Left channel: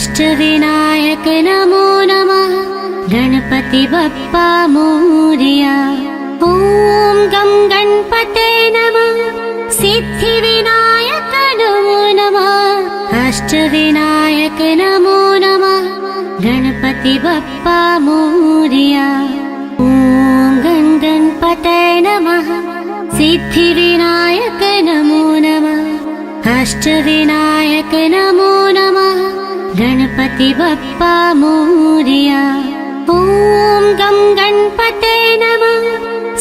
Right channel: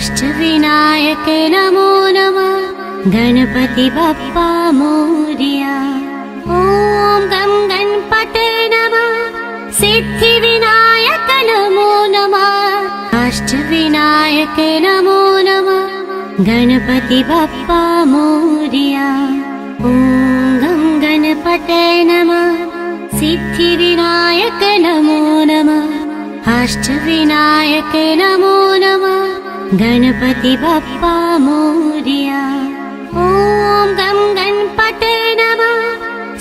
अष्टविनायक नमो नमः गणपति बप्पा मोरया। ॐ गं गणपते नमः सिद्धिविनायक नमो नमः अष्टविनायक नमो नमः गणपति बप्पा मोरया। ॐ गं गणपते नमः सिद्धिविनायक नमो नमः अष्टविनायक नमो नमः गणपति बप्पा मोरया। ॐ गं गणपते नमः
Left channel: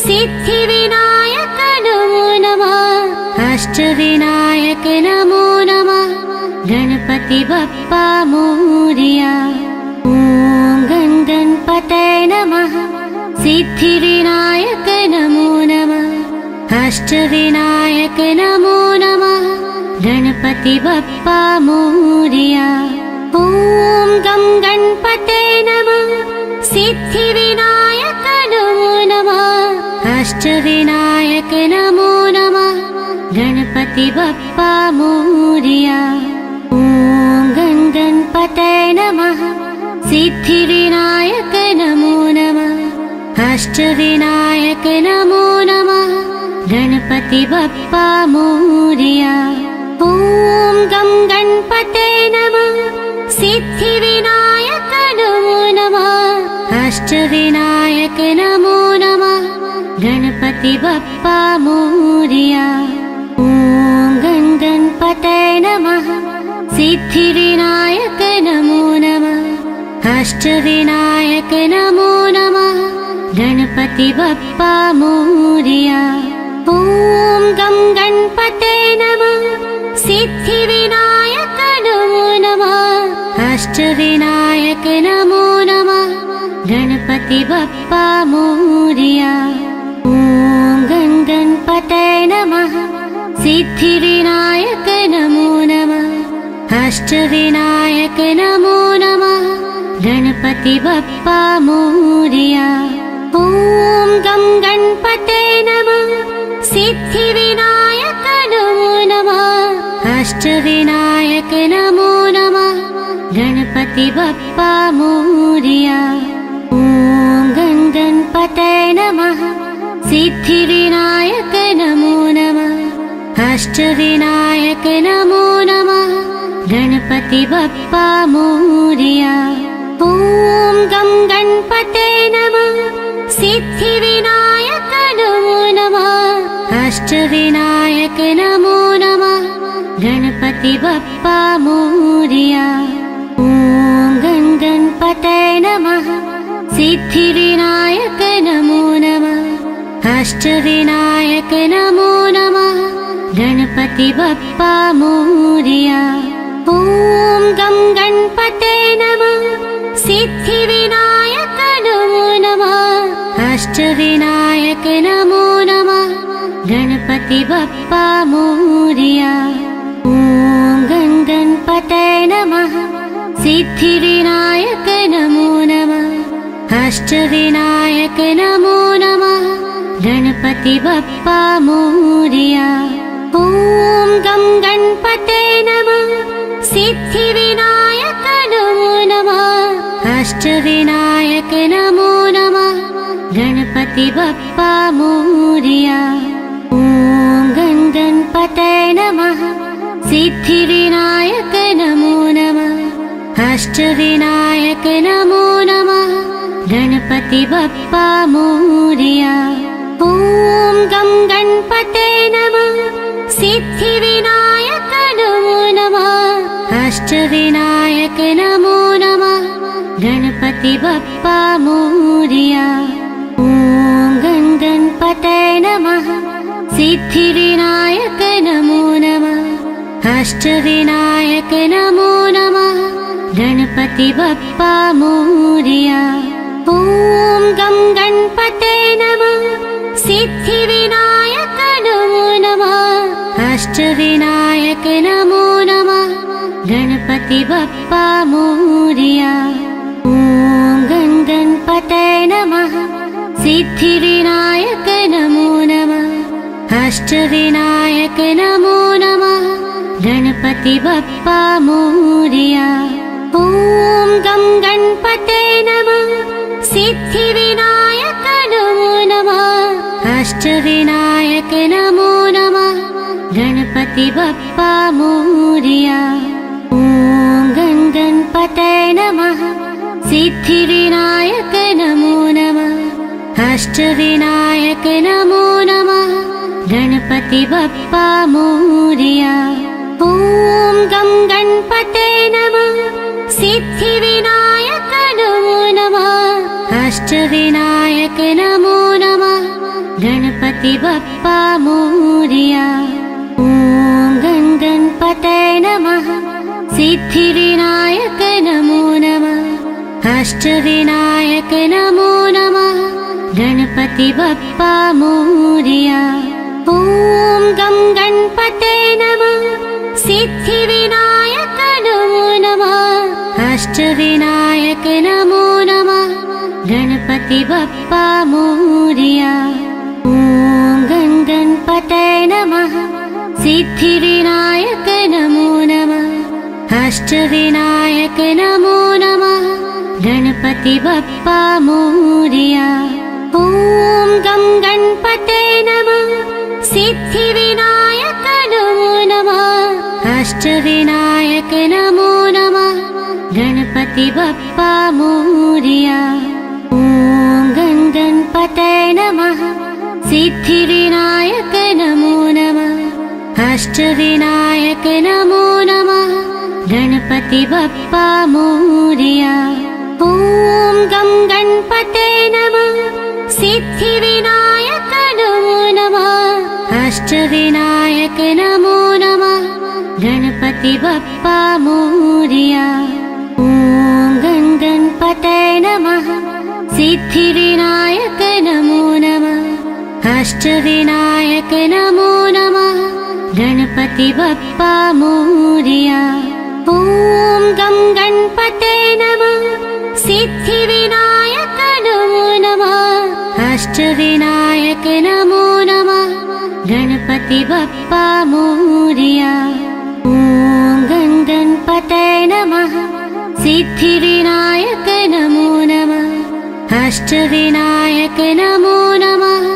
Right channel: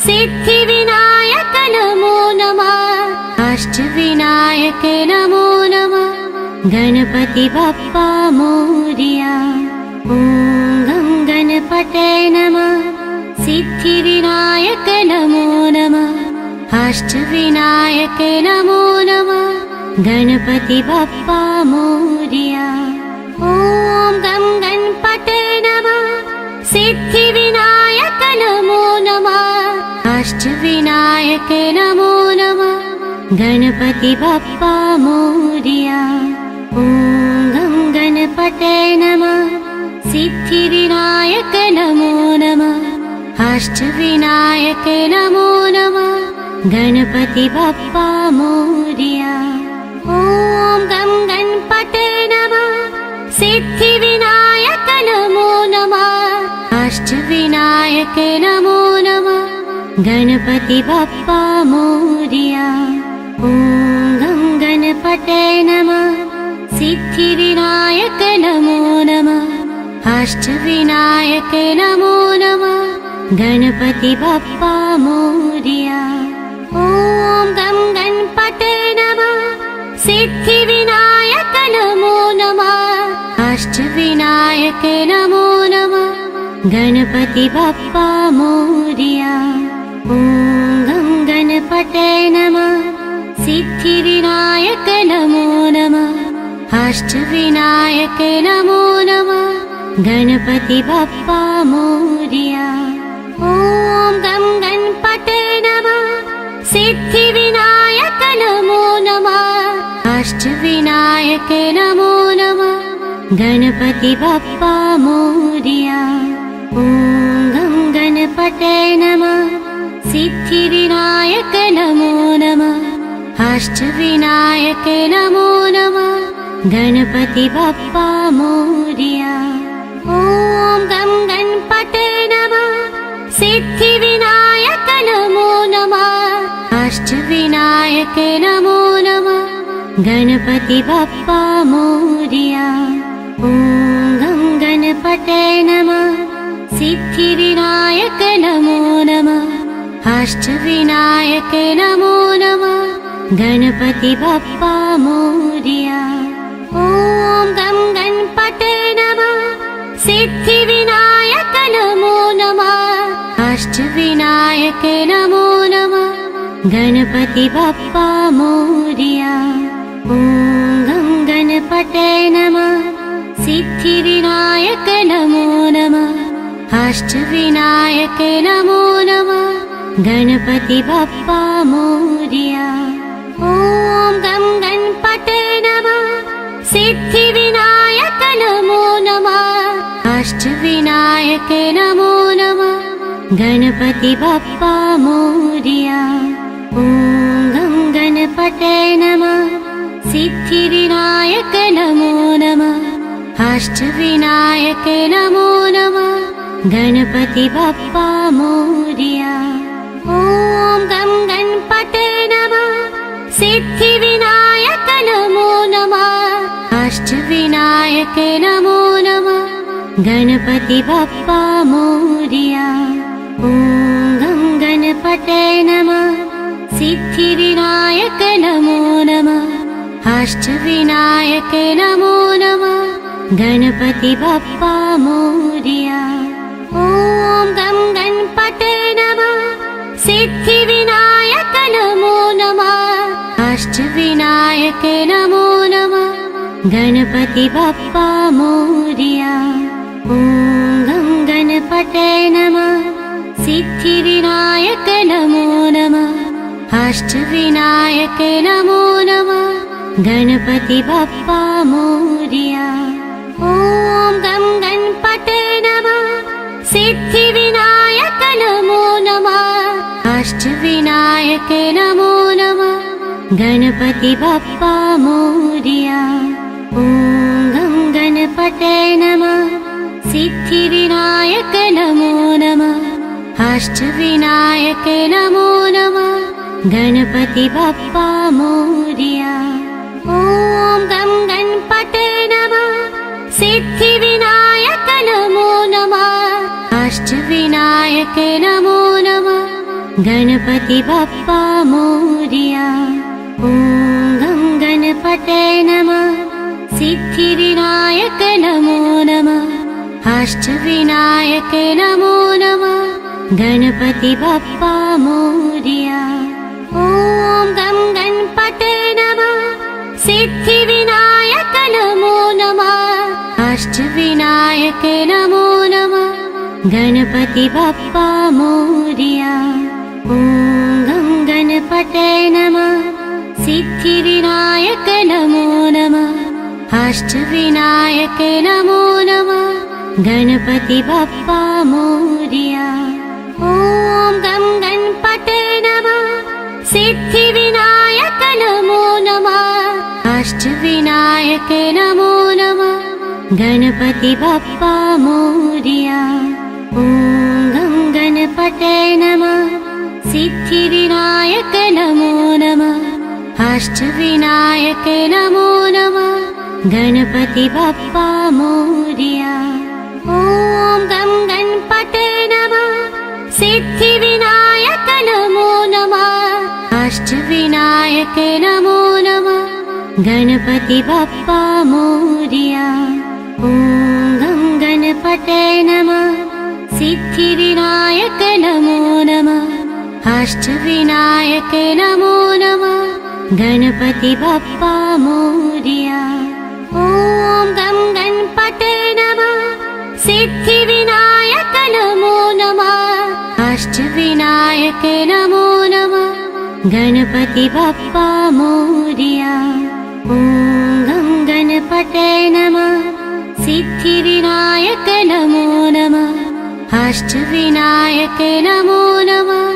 सिद्धिविनायक नमो नमः अष्टविनायक नमो नमः गणपति बप्पा मोरया। ॐ गं गणपते नमः सिद्धिविनायक नमो नमः अष्टविनायक नमो नमः गणपति बप्पा मोरया। ॐ गं गणपते नमः सिद्धिविनायक नमो नमः अष्टविनायक नमो नमः गणपति बप्पा मोरया। ॐ गं गणपते नमः सिद्धिविनायक नमो नमः अष्टविनायक नमो नमः गणपति बप्पा मोरया। ॐ गं गणपते नमः सिद्धिविनायक नमो नमः अष्टविनायक नमो नमः गणपति बप्पा मोरया। ॐ गं गणपते नमः सिद्धिविनायक नमो नमः अष्टविनायक नमो नमः गणपति बप्पा मोरया। ॐ गं गणपते नमः सिद्धिविनायक नमो नमः अष्टविनायक नमो नमः गणपति बप्पा मोरया। ॐ गं गणपते नमः सिद्धिविनायक नमो नमः अष्टविनायक नमो नमः गणपति बप्पा मोरया। ॐ गं गणपते नमः सिद्धिविनायक नमो नमः अष्टविनायक नमो नमः गणपति बप्पा मोरया। ॐ गं गणपते नमः सिद्धिविनायक नमो नमः अष्टविनायक नमो नमः गणपति बप्पा मोरया। ॐ गं गणपते नमः सिद्धिविनायक नमो नमः अष्टविनायक नमो नमः गणपति बप्पा मोरया। ॐ गं गणपते नमः सिद्धिविनायक नमो नमः अष्टविनायक नमो नमः गणपति बप्पा मोरया। ॐ गं गणपते नमः सिद्धिविनायक नमो नमः अष्टविनायक नमो नमः गणपति बप्पा मोरया। ॐ गं गणपते नमः सिद्धिविनायक नमो नमः अष्टविनायक नमो नमः गणपति बप्पा मोरया। ॐ गं गणपते नमः सिद्धिविनायक नमो नमः अष्टविनायक नमो नमः गणपति बप्पा मोरया। ॐ गं गणपते नमः सिद्धिविनायक नमो नमः अष्टविनायक नमो नमः गणपति बप्पा मोरया। ॐ गं गणपते नमः सिद्धिविनायक नमो नमः अष्टविनायक नमो नमः गणपति बप्पा मोरया। ॐ गं गणपते नमः सिद्धिविनायक नमो नमः अष्टविनायक नमो नमः गणपति बप्पा मोरया। ॐ गं गणपते नमः सिद्धिविनायक नमो नमः अष्टविनायक नमो नमः गणपति बप्पा मोरया। ॐ गं गणपते नमः सिद्धिविनायक नमो नमः अष्टविनायक नमो नमः गणपति बप्पा मोरया। गणपते नमः सिद्धिविनायक नमो नमः अष्टविनायक नमो नमः गणपति बप्पा मोरया ॐ गं गणपते नमः सिद्धिविनायक नमो नमः अष्टविनायक नमो नमः गणपति बप्पा मोरया ॐ गं गणपते नमः सिद्धिविनायक नमो नमः अष्टविनायक नमो नमः गणपति बप्पा मोरया ॐ गं गणपते नमः सिद्धिविनायक नमो नमः अष्टविनायक नमो नमः गणपति बप्पा मोरया ॐ गं गणपते नमः सिद्धिविनायक नमो नमः अष्टविनायक नमो नमः गणपति बप्पा मोरया ॐ गं गणपते नमः सिद्धिविनायक नमो नमः अष्टविनायक नमो नमः गणपति बप्पा मोरया ॐ गं गणपते नमः सिद्धिविनायक नमो नमः अष्टविनायक नमो नमः गणपति बप्पा मोरया ॐ गं गणपते नमः सिद्धिविनायक नमो नमः अष्टविनायक नमो नमः गणपति बप्पा मोरया ॐ गं गणपते नमः सिद्धिविनायक नमो नमः अष्टविनायक नमो नमः गणपति बप्पा मोरया ॐ गं गणपते नमः सिद्धिविनायक नमो नमः अष्टविनायक नमो नमः गणपति बप्पा मोरया ॐ गं गणपते नमः सिद्धिविनायक नमो नमः अष्टविनायक नमो नमः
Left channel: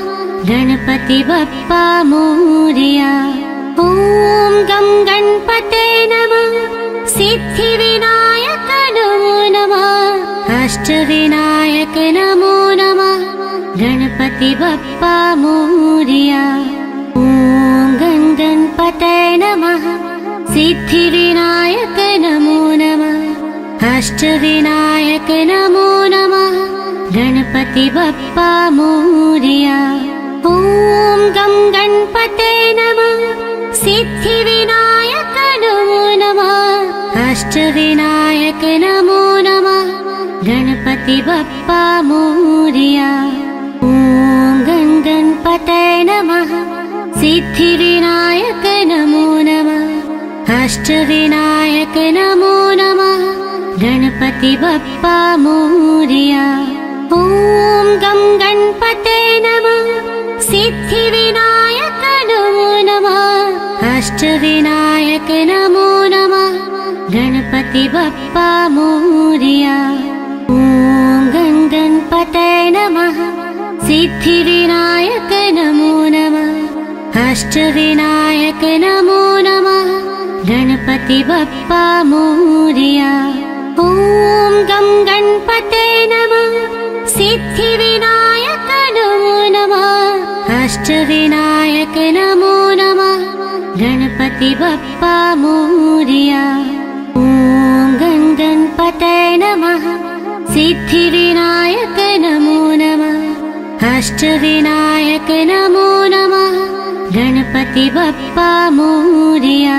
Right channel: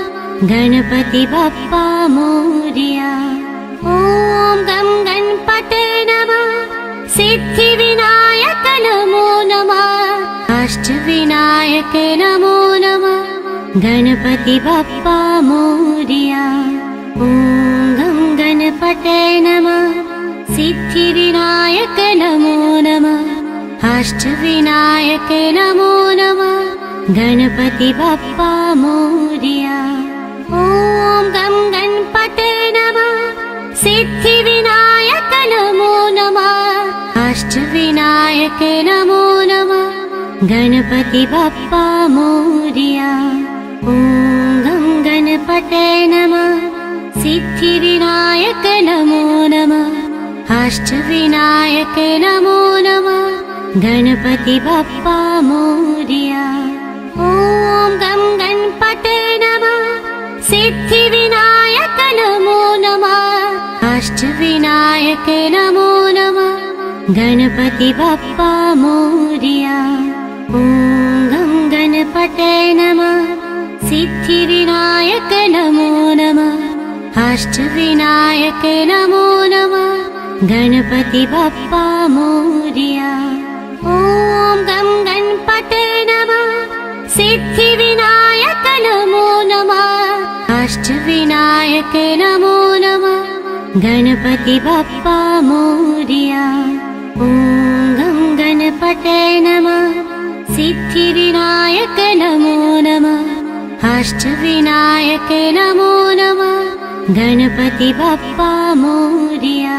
गणपति बप्पा मोरया ॐ गं गणपते नमः सिद्धिविनायक नमो नमः अष्टविनायक नमो नमः गणपति बप्पा मोरया ॐ गं गणपते नमः सिद्धिविनायक नमो नमः अष्टविनायक नमो नमः गणपति बप्पा मोरया ॐ गं गणपते नमः सिद्धिविनायक नमो नमः अष्टविनायक नमो नमः गणपति बप्पा मोरया ॐ गं गणपते नमः सिद्धिविनायक नमो नमः अष्टविनायक नमो नमः गणपति बप्पा मोरया ॐ गं गणपते नमः सिद्धिविनायक नमो नमः अष्टविनायक नमो नमः गणपति बप्पा मोरया ॐ गं गणपते नमः सिद्धिविनायक नमो नमः अष्टविनायक नमो नमः गणपति बप्पा मोरया ॐ गं गणपते नमः सिद्धिविनायक नमो नमः अष्टविनायक नमो नमः गणपति बप्पा मोरया ॐ गं गणपते नमः सिद्धिविनायक नमो नमः अष्टविनायक नमो नमः गणपति बप्पा मोरया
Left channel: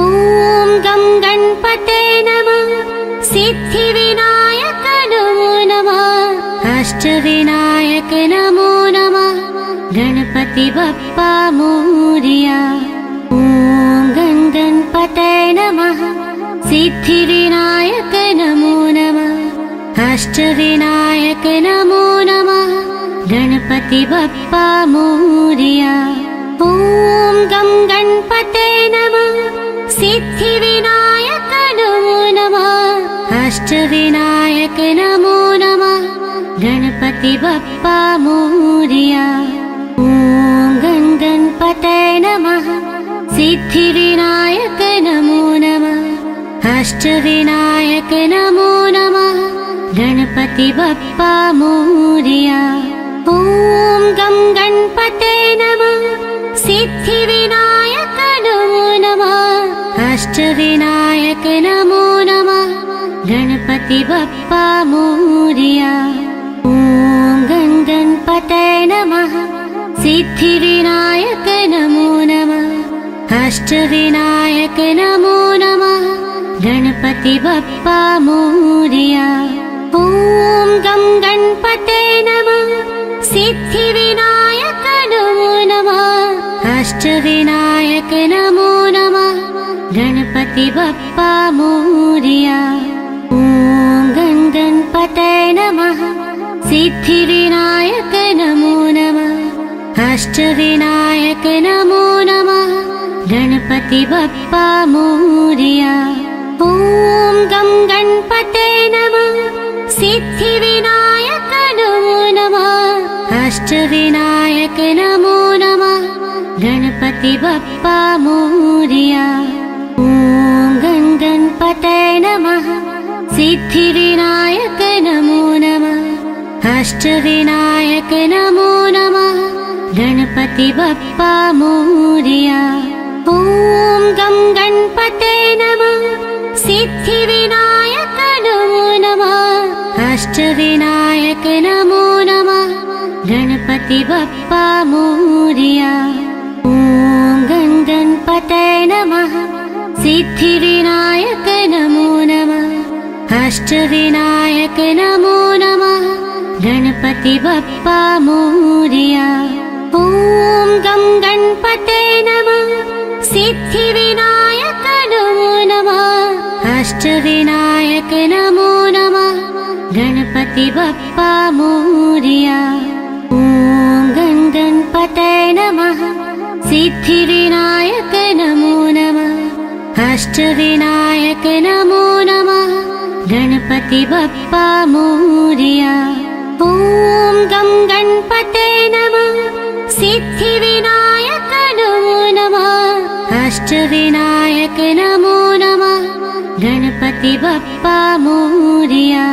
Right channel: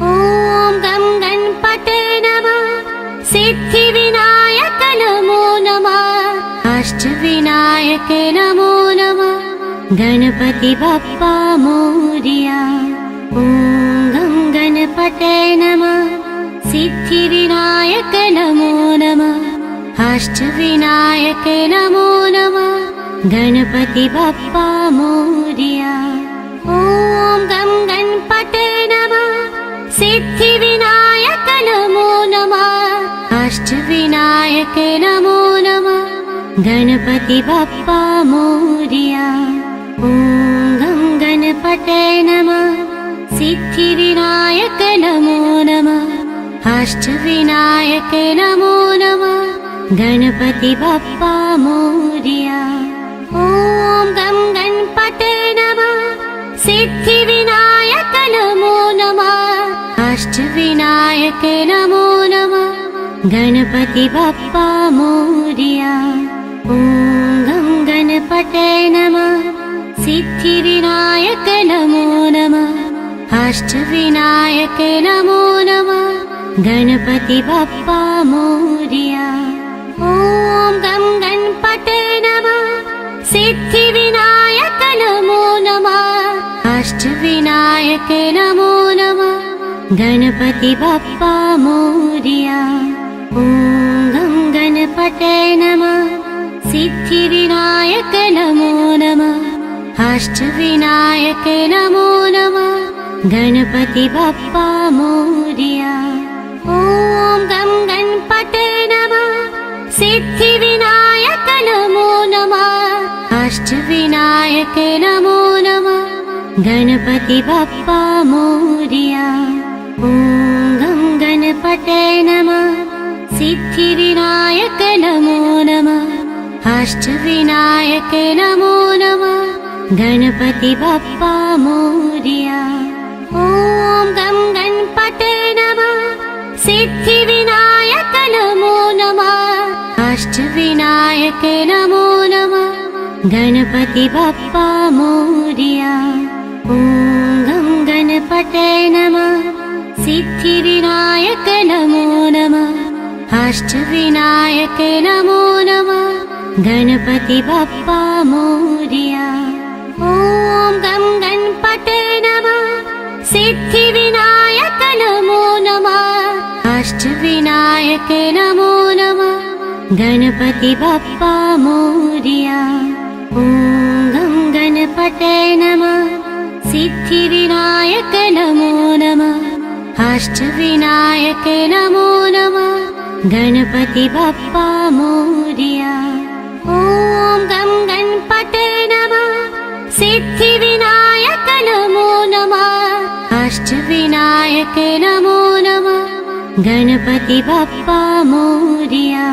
ॐ गं गणपते नमः सिद्धिविनायक नमो नमः अष्टविनायक नमो नमः गणपति बप्पा मोरया ॐ गं गणपते नमः सिद्धिविनायक नमो नमः अष्टविनायक नमो नमः गणपति बप्पा मोरया ॐ गं गणपते नमः सिद्धिविनायक नमो नमः अष्टविनायक नमो नमः गणपति बप्पा मोरया ॐ गं गणपते नमः सिद्धिविनायक नमो नमः अष्टविनायक गणपति बप्पा मोरया। ॐ गणपतये नमः। सिद्धिविनायक नमो नमः। अष्टविनायक नमो नमः। गणपति बप्पा मोरया। ॐ गणपतये नमः। सिद्धिविनायक नमो नमः। अष्टविनायक नमो नमः। गणपति बप्पा मोरया। ॐ गणपतये नमः। सिद्धिविनायक नमो नमः। अष्टविनायक नमो नमः। गणपति बप्पा मोरया। ॐ गणपतये नमः। सिद्धिविनायक नमो नमः। अष्टविनायक नमो नमः। गणपति बप्पा मोरया। ॐ गणपतये नमः। सिद्धिविनायक नमो नमः। अष्टविनायक नमो नमः। गणपति बप्पा मोरया। ॐ गणपतये नमः। सिद्धिविनायक नमो नमः। अष्टविनायक नमो नमः। गणपति बप्पा मोरया। ॐ गणपतये नमः। सिद्धिविनायक नमो नमः। अष्टविनायक नमो नमः। गणपति बप्पा मोरया। ॐ गणपतये नमः। सिद्धिविनायक नमो नमः। अष्टविनायक नमो नमः। गणपति बप्पा मोरया। ॐ गणपतये नमः। सिद्धिविनायक नमो नमः। अष्टविनायक नमो नमः। गणपति बप्पा मोरया। ॐ गणपतये नमः। सिद्धिविनायक नमो नमः। अष्टविनायक नमो नमः। गणपति बप्पा मोरया।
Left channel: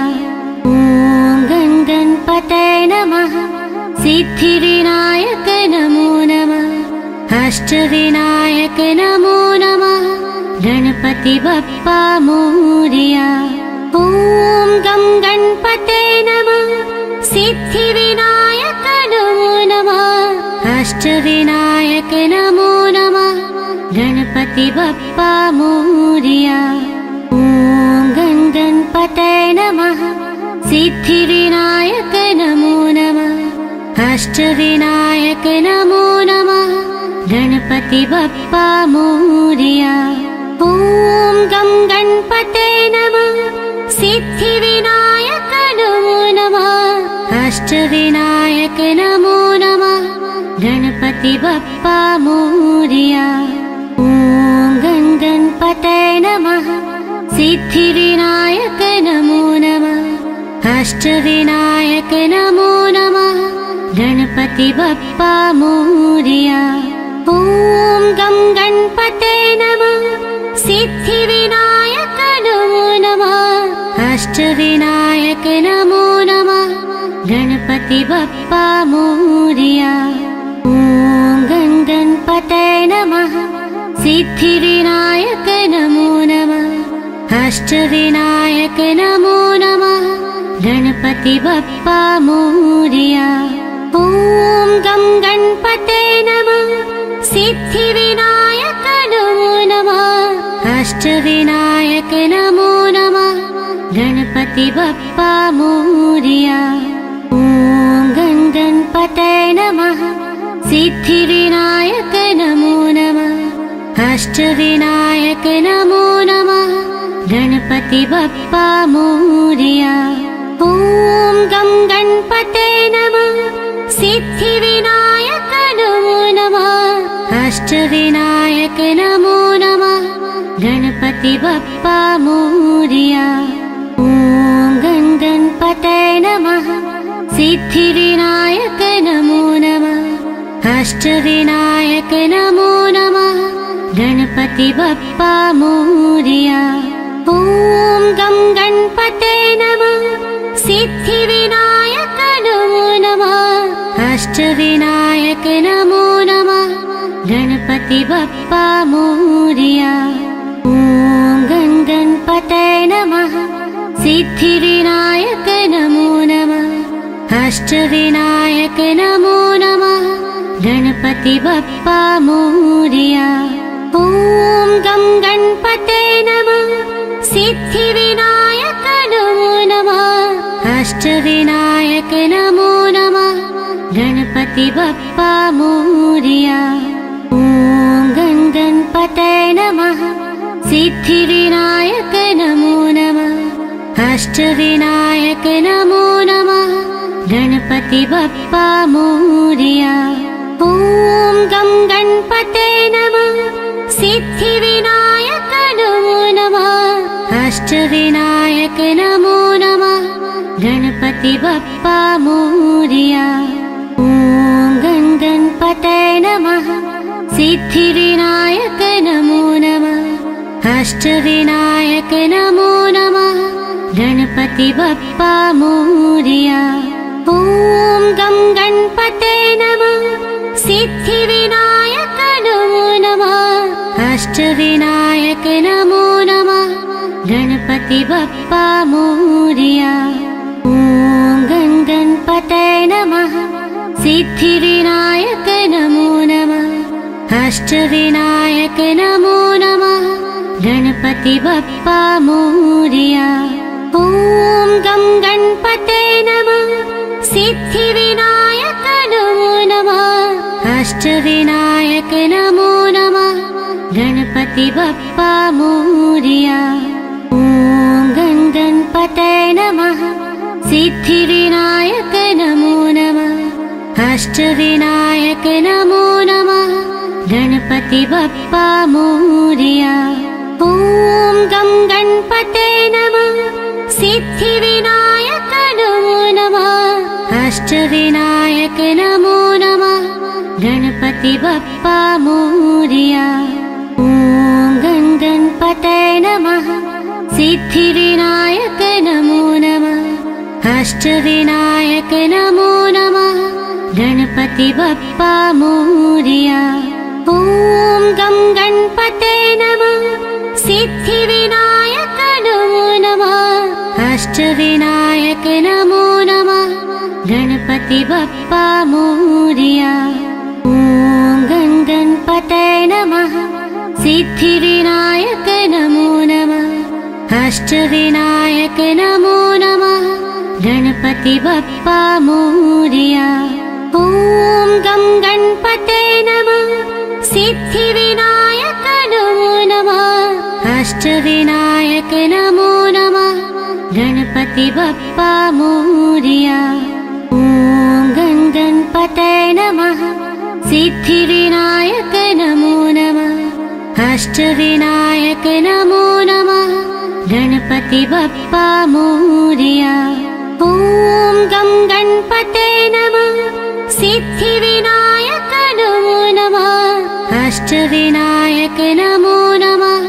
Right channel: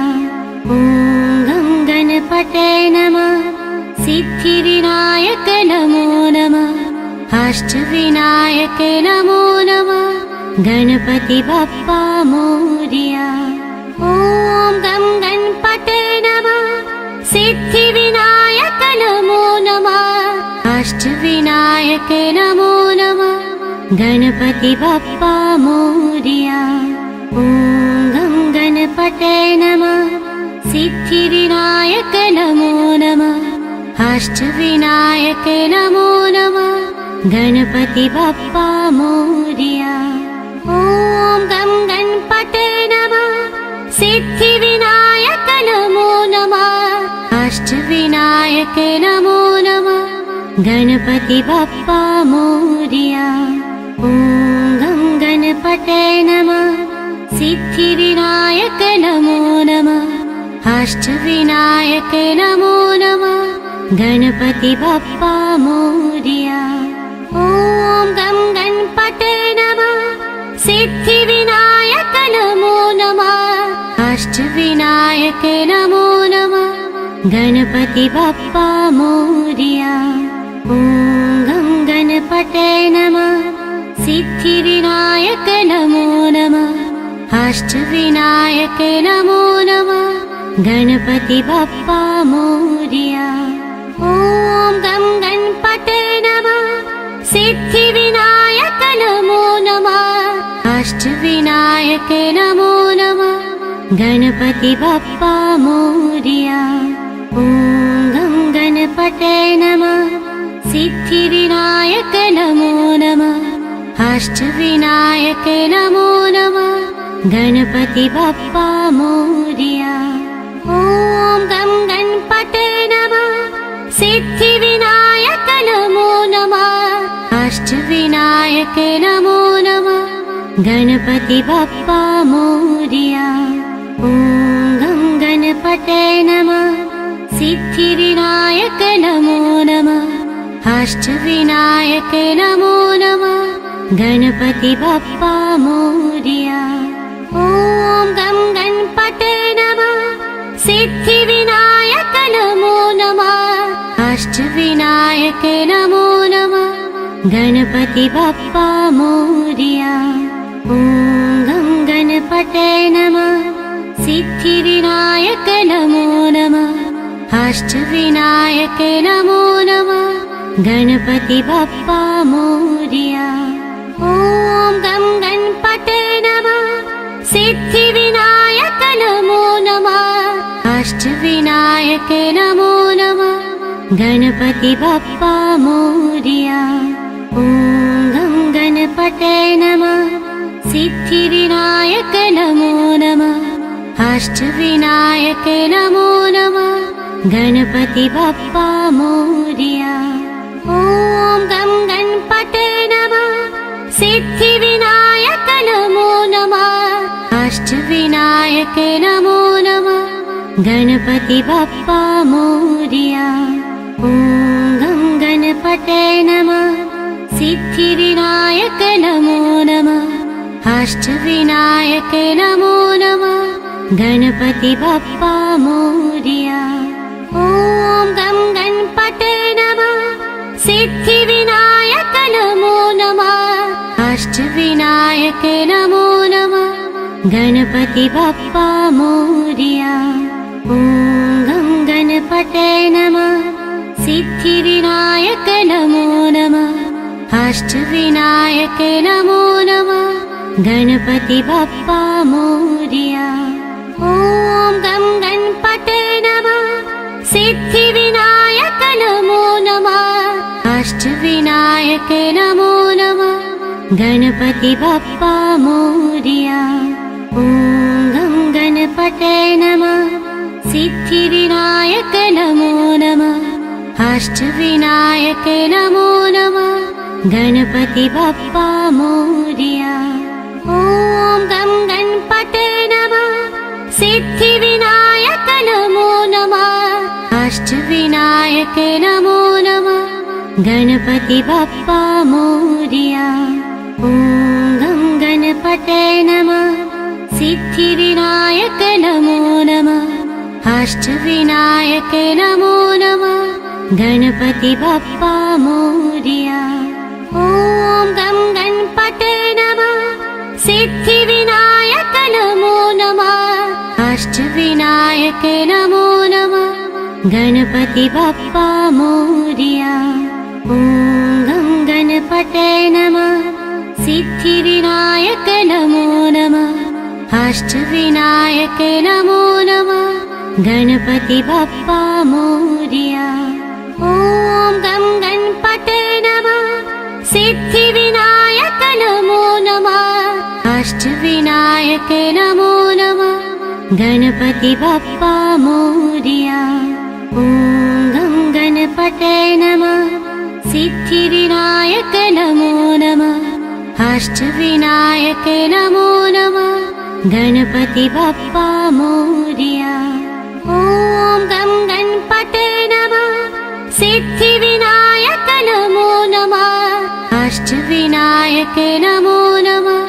ॐ गणपतये नमः। सिद्धिविनायक नमो नमः। अष्टविनायक नमो नमः। गणपति बप्पा मोरया। ॐ गणपतये नमः। सिद्धिविनायक नमो नमः। अष्टविनायक नमो नमः। गणपति बप्पा मोरया। ॐ गणपतये नमः। सिद्धिविनायक नमो नमः। अष्टविनायक नमो नमः। गणपति बप्पा मोरया। ॐ गणपतये नमः। सिद्धिविनायक नमो नमः। अष्टविनायक नमो नमः। गणपति बप्पा मोरया। ॐ गणपतये नमः। सिद्धिविनायक नमो नमः। अष्टविनायक नमो नमः। गणपति बप्पा मोरया। ॐ गणपतये नमः। सिद्धिविनायक नमो नमः। अष्टविनायक नमो नमः। गणपति बप्पा मोरया। ॐ गणपतये नमः। सिद्धिविनायक नमो नमः। अष्टविनायक नमो नमः। गणपति बप्पा मोरया। ॐ गणपतये नमः। सिद्धिविनायक नमो नमः। अष्टविनायक नमो नमः। गणपति बप्पा मोरया। ॐ गणपतये नमः। सिद्धिविनायक नमो नमः। अष्टविनायक नमो नमः। गणपति बप्पा मोरया। ॐ गणपतये नमः। सिद्धिविनायक नमो नमः। अष्टविनायक नमो नमः। गणपति बप्पा मोरया। ॐ गणपतये नमः। सिद्धिविनायक नमो नमः। अष्टविनायक नमो नमः। गणपति बप्पा मोरया। ॐ गणपतये नमः। सिद्धिविनायक नमो नमः। अष्टविनायक नमो नमः। गणपति बप्पा मोरया। ॐ गणपतये नमः। सिद्धिविनायक नमो नमः अष्टविनायक नमो नमः गणपति बप्पा मोरया ॐ गं गणपते नमः सिद्धिविनायक नमो नमः अष्टविनायक नमो नमः गणपति बप्पा मोरया ॐ गं गणपते नमः सिद्धिविनायक नमो नमः अष्टविनायक नमो नमः गणपति बप्पा मोरया ॐ गं गणपते नमः सिद्धिविनायक नमो नमः अष्टविनायक नमो नमः गणपति बप्पा मोरया ॐ गं गणपते नमः सिद्धिविनायक नमो नमः अष्टविनायक नमो नमः गणपति बप्पा मोरया ॐ गं गणपते नमः सिद्धिविनायक नमो नमः अष्टविनायक नमो नमः गणपति बप्पा मोरया ॐ गं गणपते नमः सिद्धिविनायक नमो नमः अष्टविनायक नमो नमः गणपति बप्पा मोरया ॐ गं गणपते नमः सिद्धिविनायक नमो नमः अष्टविनायक नमो नमः गणपति बप्पा मोरया ॐ गं गणपते नमः सिद्धिविनायक नमो नमः अष्टविनायक नमो नमः गणपति बप्पा मोरया ॐ गं गणपते नमः सिद्धिविनायक नमो नमः अष्टविनायक नमो नमः गणपति बप्पा मोरया ॐ गं गणपते नमः सिद्धिविनायक नमो नमः अष्टविनायक नमो नमः गणपति बप्पा मोरया ॐ गं गणपते नमः सिद्धिविनायक नमो नमः अष्टविनायक नमो नमः गणपति बप्पा मोरया ॐ गं गणपते नमः सिद्धिविनायक नमो नमः अष्टविनायक नमो नमः गणपति बप्पा मोरया ॐ गं गणपते नमः सिद्धिविनायक नमो नमः अष्टविनायक नमो नमः गणपति बप्पा मोरया ॐ गं गणपते नमः सिद्धिविनायक नमो नमः अष्टविनायक नमो नमः गणपति बप्पा मोरया ॐ गं गणपते नमः सिद्धिविनायक नमो नमः अष्टविनायक नमो नमः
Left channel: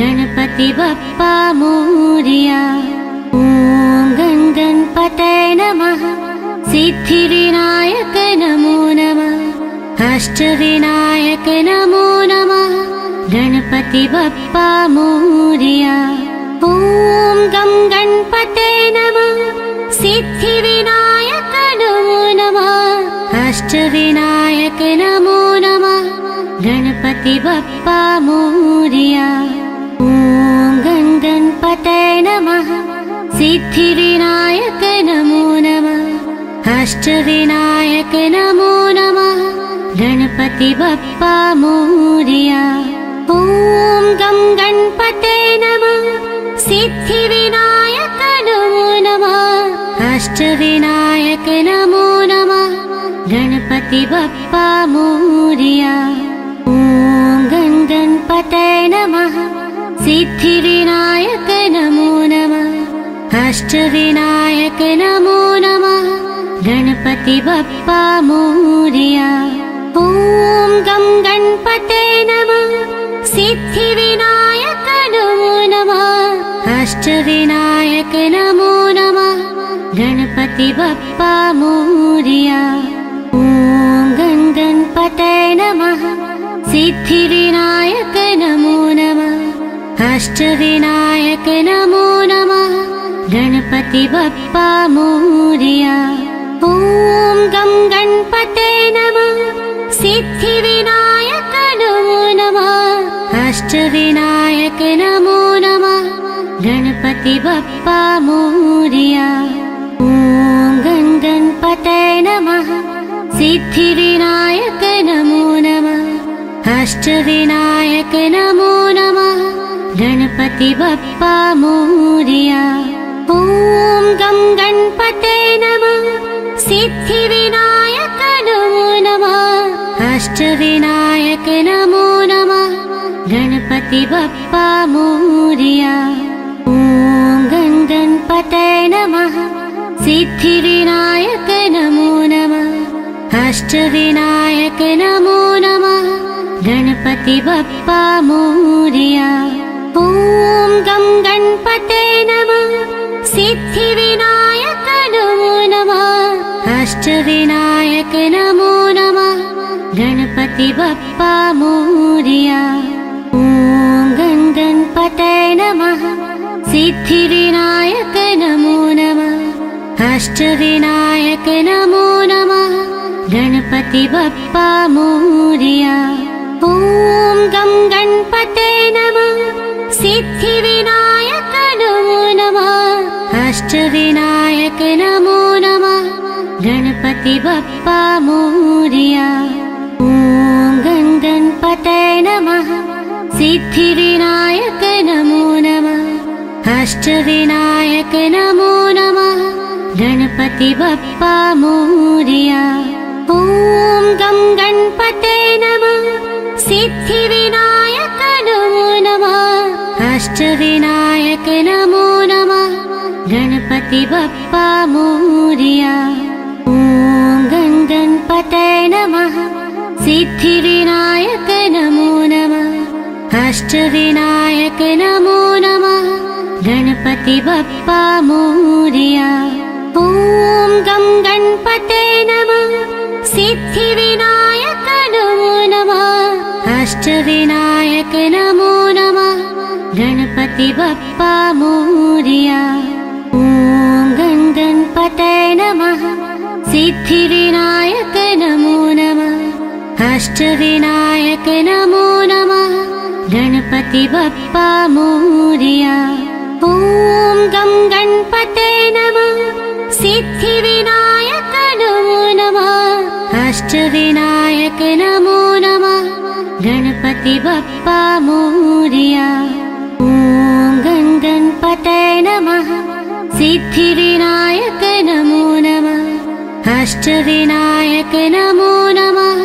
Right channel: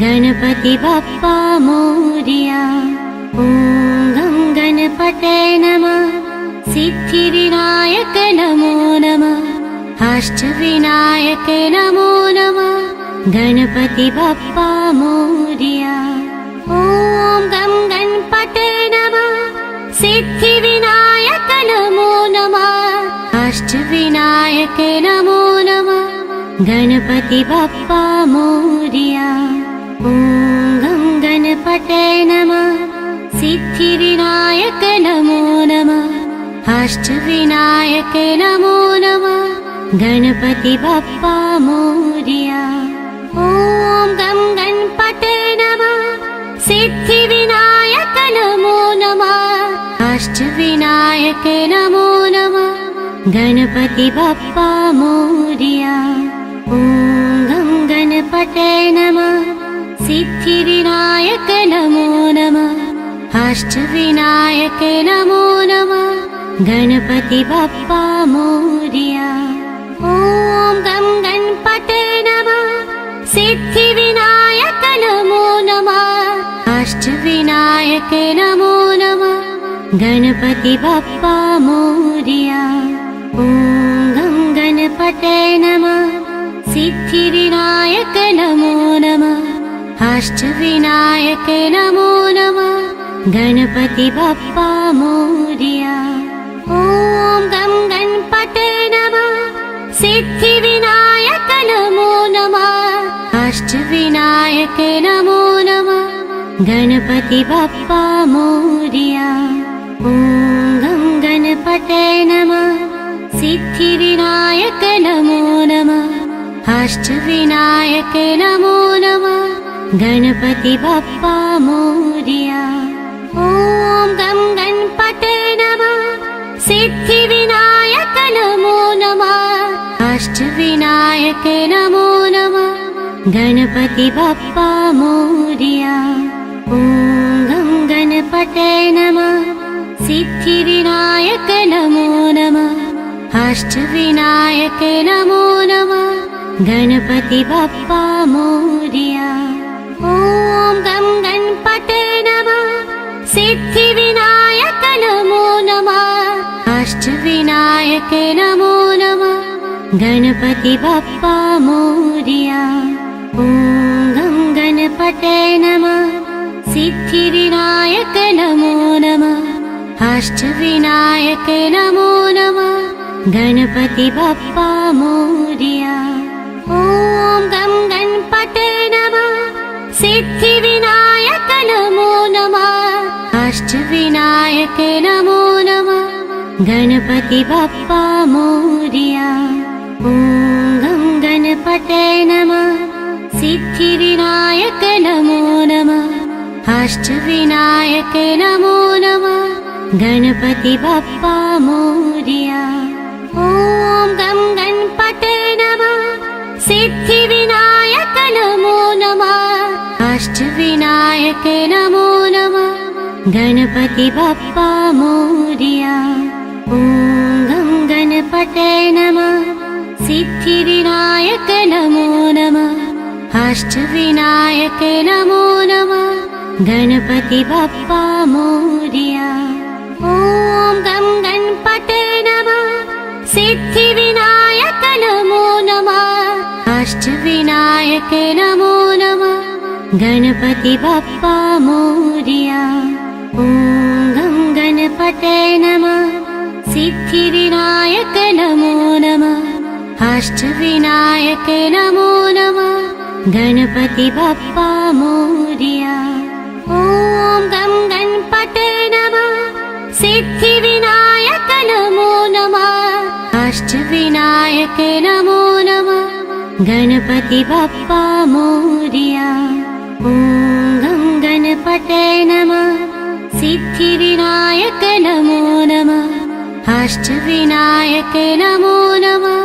गणपति बप्पा मोरया ॐ गं गणपते नमः सिद्धिविनायक नमो नमः अष्टविनायक नमो नमः गणपति बप्पा मोरया ॐ गं गणपते नमः सिद्धिविनायक नमो नमः अष्टविनायक नमो नमः गणपति बप्पा मोरया ॐ गं गणपते नमः सिद्धिविनायक नमो नमः अष्टविनायक नमो नमः गणपति बप्पा मोरया ॐ गं गणपते नमः सिद्धिविनायक नमो नमः अष्टविनायक नमो नमः गणपति बप्पा मोरया ॐ गं गणपते नमः सिद्धिविनायक नमो नमः अष्टविनायक नमो नमः गणपति बप्पा मोरया ॐ गं गणपते नमः सिद्धिविनायक नमो नमः अष्टविनायक नमो नमः गणपति बप्पा मोरया ॐ गं गणपते नमः सिद्धिविनायक नमो नमः अष्टविनायक नमो नमः गणपति बप्पा मोरया। ॐ गं गणपते नमः। सिद्धिविनायक नमो नमः। अष्टविनायक नमो नमः। गणपति बप्पा मोरया। ॐ गं गणपते नमः। सिद्धिविनायक नमो नमः। अष्टविनायक नमो नमः। गणपति बप्पा मोरया। ॐ गं गणपते नमः। सिद्धिविनायक नमो नमः। अष्टविनायक नमो नमः। गणपति बप्पा मोरया। ॐ गं गणपते नमः। सिद्धिविनायक नमो नमः। अष्टविनायक नमो नमः। गणपति बप्पा मोरया। ॐ गं गणपते नमः। सिद्धिविनायक नमो नमः। अष्टविनायक नमो नमः। गणपति बप्पा मोरया। ॐ गं गणपते नमः। सिद्धिविनायक नमो नमः। अष्टविनायक नमो नमः। गणपति बप्पा मोरया। ॐ गं गणपते नमः। सिद्धिविनायक नमो नमः। अष्टविनायक नमो नमः। गणपति बप्पा मोरया। ॐ गं गणपते नमः। सिद्धिविनायक नमो नमः। अष्टविनायक नमो नमः। गणपति बप्पा मोरया। ॐ गं गणपते नमः। सिद्धिविनायक नमो नमः। अष्टविनायक नमो नमः। गणपति बप्पा मोरया। ॐ गं गणपते नमः। सिद्धिविनायक नमो नमः। अष्टविनायक नमो नमः। गणपति बप्पा मोरया। ॐ गं गणपते नमः। सिद्धिविनायक नमो नमः। अष्टविनायक नमो नमः। गणपति बप्पा मोरया। ॐ गं गणपते नमः। सिद्धिविनायक नमो नमः। अष्टविनायक नमो नमः। गणपति बप्पा मोरया। ॐ गं गणपते नमः। सिद्धिविनायक नमो नमः। अष्टविनायक नमो नमः। गणपति बप्पा मोरया। ॐ गं गणपते नमः। सिद्धिविनायक नमो नमः। अष्टविनायक नमो नमः।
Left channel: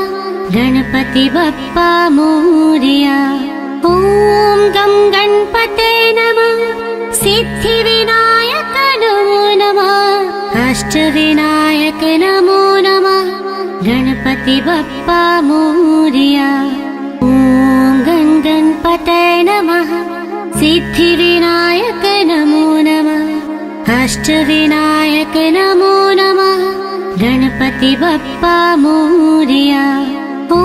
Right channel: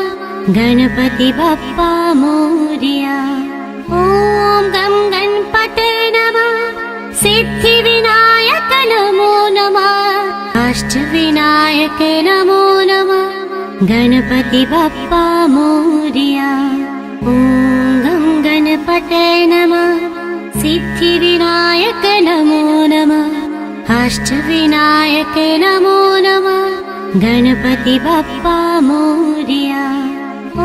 गणपति बप्पा मोरया। ॐ गं गणपते नमः। सिद्धिविनायक नमो नमः। अष्टविनायक नमो नमः। गणपति बप्पा मोरया। ॐ गं गणपते नमः। सिद्धिविनायक नमो नमः। अष्टविनायक नमो नमः। गणपति बप्पा मोरया। ॐ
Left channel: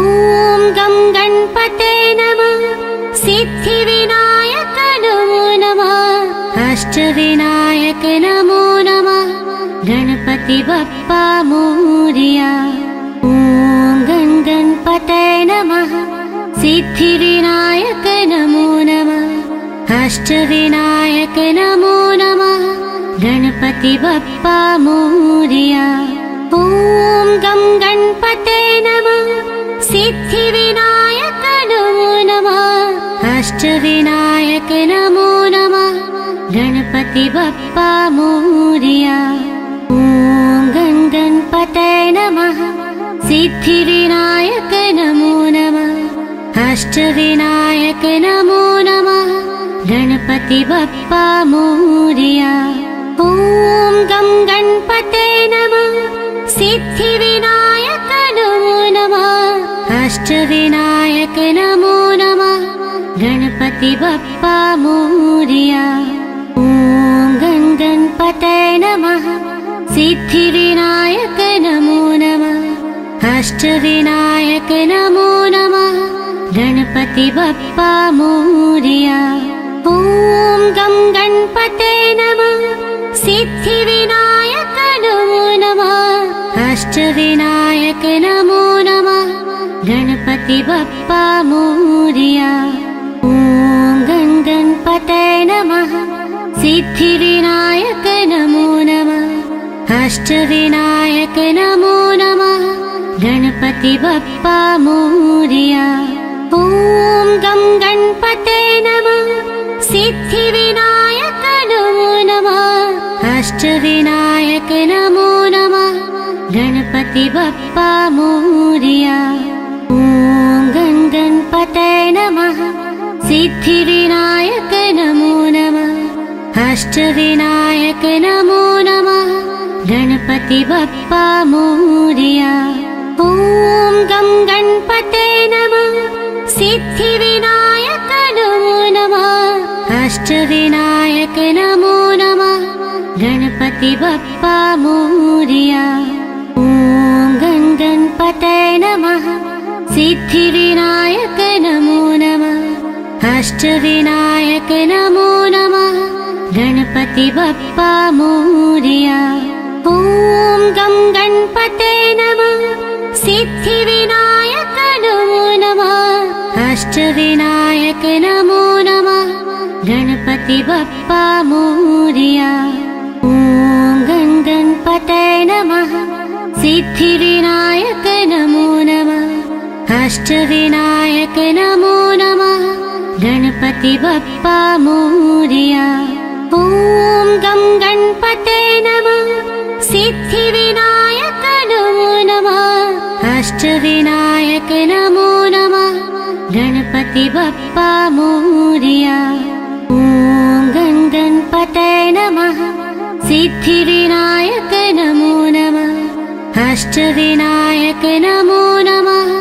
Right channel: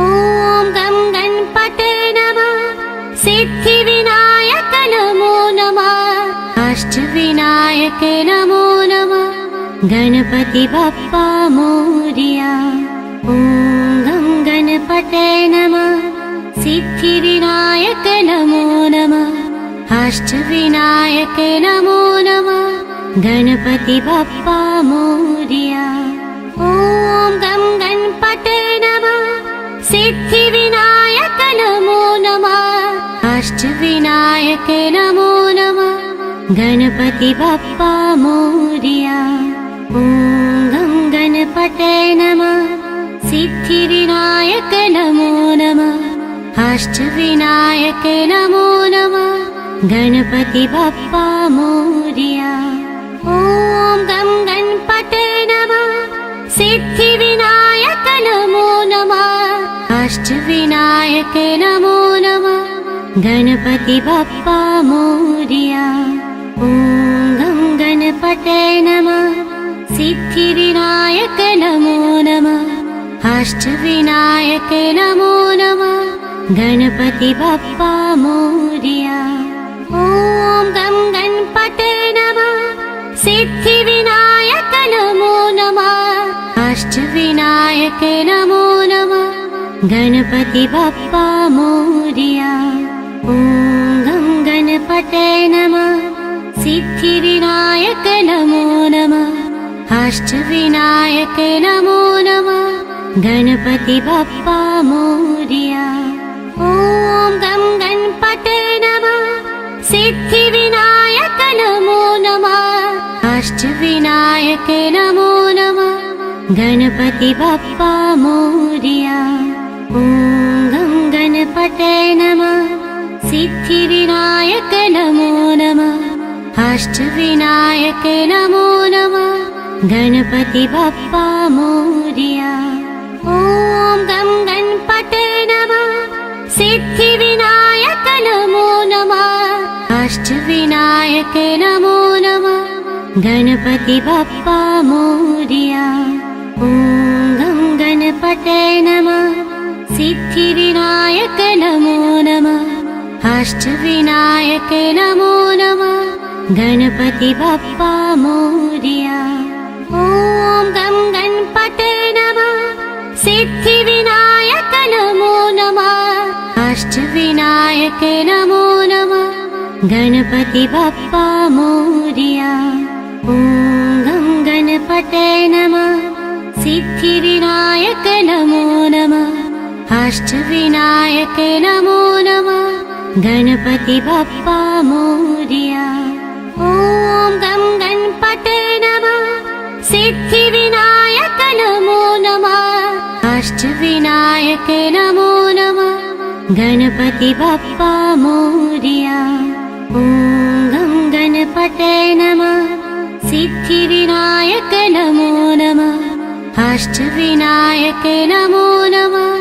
गं गणपते नमः। सिद्धिविनायक नमो नमः। अष्टविनायक नमो नमः। गणपति बप्पा मोरया। ॐ गं गणपते नमः। सिद्धिविनायक नमो नमः। अष्टविनायक नमो नमः। गणपति बप्पा मोरया। ॐ गं गणपते नमः। सिद्धिविनायक नमो नमः। अष्टविनायक नमो नमः। गणपति बप्पा मोरया। ॐ गं गणपते नमः। सिद्धिविनायक नमो नमः। अष्टविनायक नमो नमः। गणपति बप्पा मोरया। ॐ गं गणपते नमः। सिद्धिविनायक नमो नमः। अष्टविनायक नमो नमः। गणपति बप्पा मोरया। ॐ गं गणपते नमः। सिद्धिविनायक नमो नमः। अष्टविनायक नमो नमः। गणपति बप्पा मोरया। ॐ गं गणपते नमः। सिद्धिविनायक नमो नमः अष्टविनायक नमो नमः गणपति बप्पा मोरया ॐ गं गणपतये नमः सिद्धिविनायक नमो नमः अष्टविनायक नमो नमः गणपति बप्पा मोरया ॐ गं गणपतये नमः सिद्धिविनायक नमो नमः अष्टविनायक नमो नमः गणपति बप्पा मोरया ॐ गं गणपतये नमः सिद्धिविनायक नमो नमः अष्टविनायक नमो नमः गणपति बप्पा मोरया ॐ गं गणपतये नमः सिद्धिविनायक नमो नमः अष्टविनायक नमो नमः गणपति बप्पा मोरया ॐ गं गणपतये नमः सिद्धिविनायक नमो नमः अष्टविनायक नमो नमः गणपति बप्पा मोरया ॐ गं गणपतये नमः सिद्धिविनायक नमो नमः अष्टविनायक नमो नमः गणपति बप्पा मोरया ॐ गं गणपतये नमः सिद्धिविनायक नमो नमः अष्टविनायक नमो नमः गणपति बप्पा मोरया ॐ गं गणपतये नमः सिद्धिविनायक नमो नमः अष्टविनायक नमो नमः गणपति बप्पा मोरया ॐ गं गणपतये नमः सिद्धिविनायक नमो नमः अष्टविनायक नमो नमः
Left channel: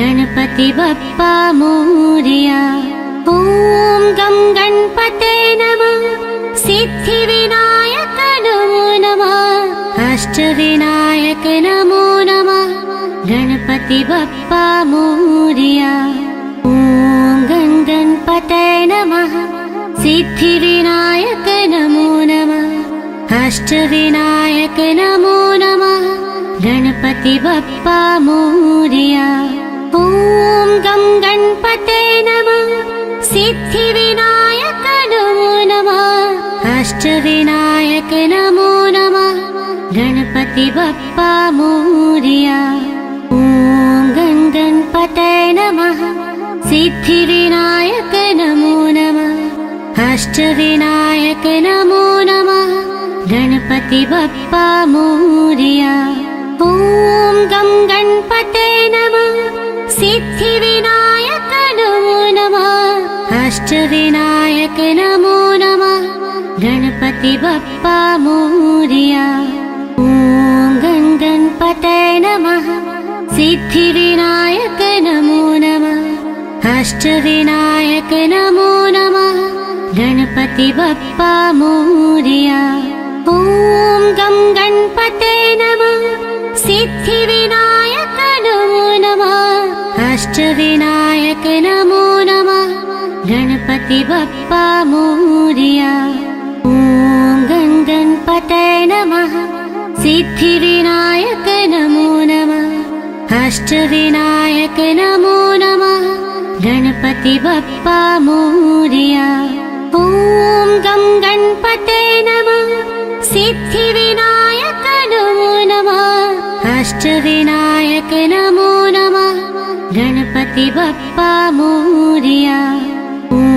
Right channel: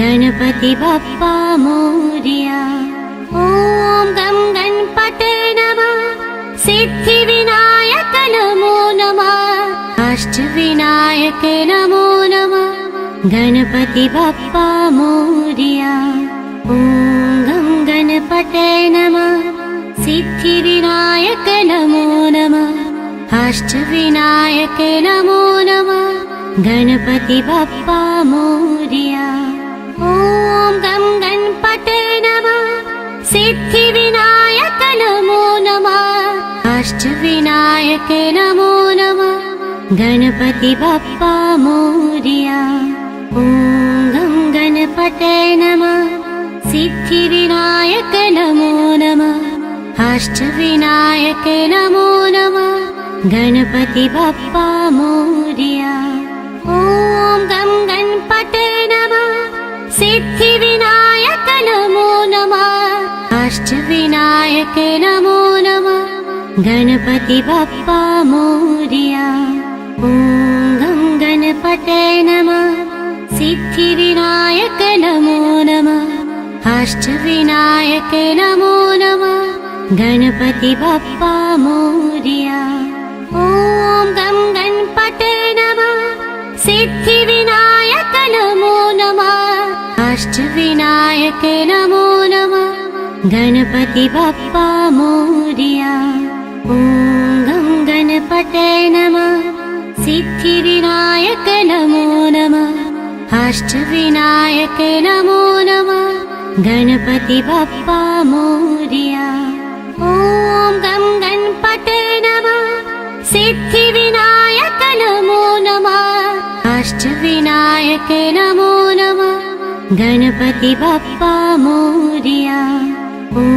गणपति बप्पा मोरया ॐ गं गणपतये नमः सिद्धिविनायक नमो नमः अष्टविनायक नमो नमः गणपति बप्पा मोरया ॐ गं गणपतये नमः सिद्धिविनायक नमो नमः अष्टविनायक नमो नमः गणपति बप्पा मोरया ॐ गं गणपतये नमः सिद्धिविनायक नमो नमः अष्टविनायक नमो नमः गणपति बप्पा मोरया ॐ गं गणपतये नमः सिद्धिविनायक नमो नमः अष्टविनायक नमो नमः गणपति बप्पा मोरया ॐ गं गणपतये नमः सिद्धिविनायक नमो नमः अष्टविनायक नमो नमः गणपति बप्पा मोरया ॐ गं गणपतये नमः सिद्धिविनायक नमो नमः अष्टविनायक नमो नमः गणपति बप्पा मोरया ॐ गं गणपतये नमः सिद्धिविनायक नमो नमः अष्टविनायक नमो नमः गणपति बप्पा मोरया ॐ गं गणपतये नमः सिद्धिविनायक नमो नमः अष्टविनायक नमो नमः गणपति बप्पा मोरया ॐ गं गणपतये नमः सिद्धिविनायक नमो नमः अष्टविनायक नमो नमः गणपति बप्पा मोरया ॐ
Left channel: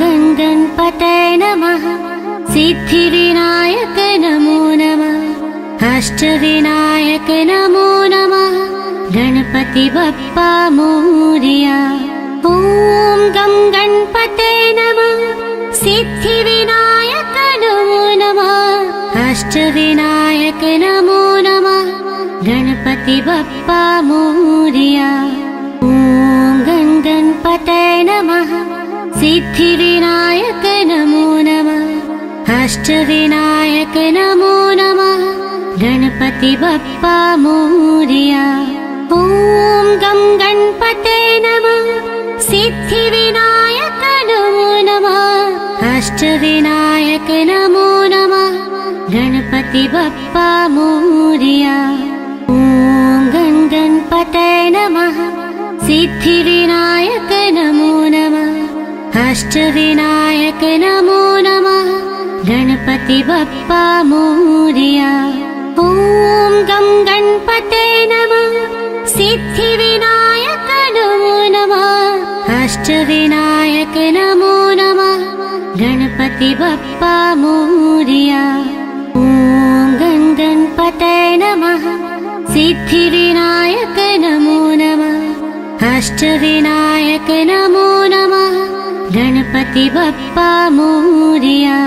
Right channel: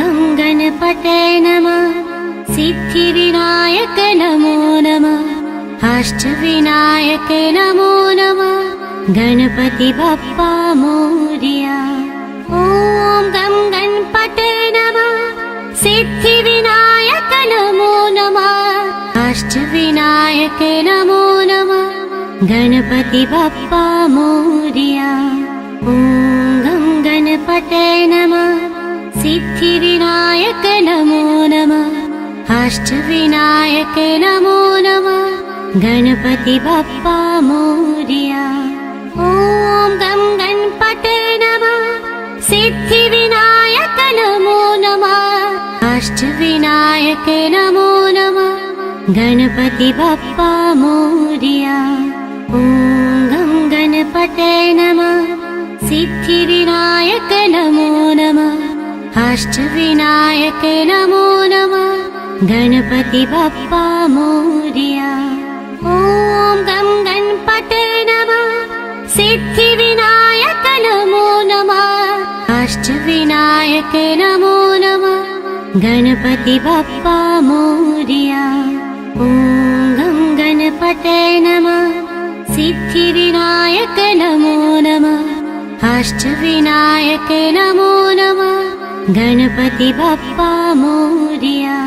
गं गणपतये नमः सिद्धिविनायक नमो नमः अष्टविनायक नमो नमः गणपति बप्पा मोरया ॐ गं गणपतये नमः सिद्धिविनायक नमो नमः अष्टविनायक नमो नमः गणपति बप्पा मोरया ॐ गं गणपतये नमः सिद्धिविनायक नमो नमः अष्टविनायक नमो नमः गणपति बप्पा मोरया ॐ गं गणपतये नमः सिद्धिविनायक नमो नमः अष्टविनायक नमो नमः गणपति बप्पा मोरया। ॐ गं गणपतये नमः। सिद्धिविनायक नमो नमः। अष्टविनायक नमो नमः। गणपति बप्पा मोरया। ॐ गं गणपतये नमः। सिद्धिविनायक नमो नमः। अष्टविनायक नमो नमः। गणपति बप्पा मोरया। ॐ गं गणपतये नमः। सिद्धिविनायक नमो नमः। अष्टविनायक नमो नमः। गणपति बप्पा मोरया।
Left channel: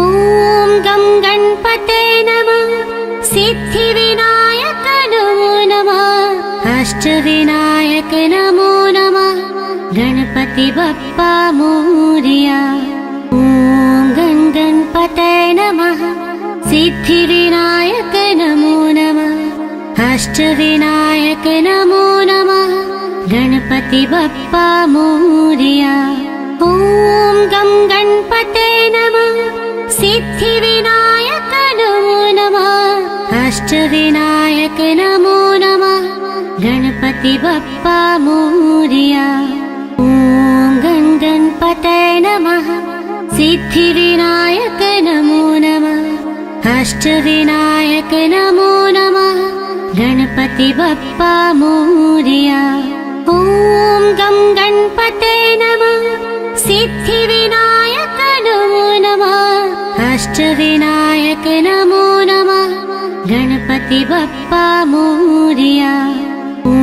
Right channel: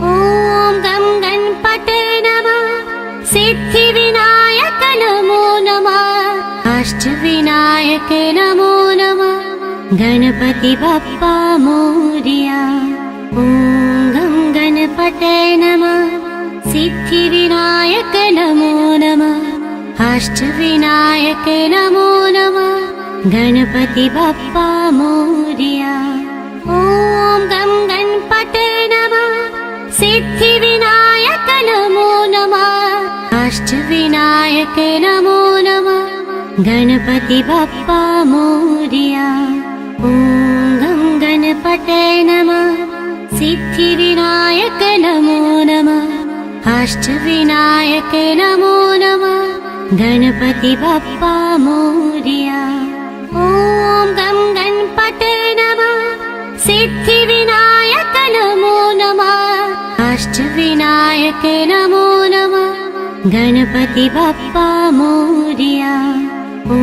ॐ गं गणपतये नमः। सिद्धिविनायक नमो नमः। अष्टविनायक नमो नमः। गणपति बप्पा मोरया। ॐ गं गणपतये नमः। सिद्धिविनायक नमो नमः। अष्टविनायक नमो नमः। गणपति बप्पा मोरया। ॐ गं गणपतये नमः। सिद्धिविनायक नमो नमः। अष्टविनायक नमो नमः। गणपति बप्पा मोरया। ॐ गं गणपतये नमः। सिद्धिविनायक नमो नमः। अष्टविनायक नमो नमः। गणपति बप्पा मोरया। ॐ गं गणपतये नमः। सिद्धिविनायक नमो नमः। अष्टविनायक नमो नमः। गणपति बप्पा मोरया। ॐ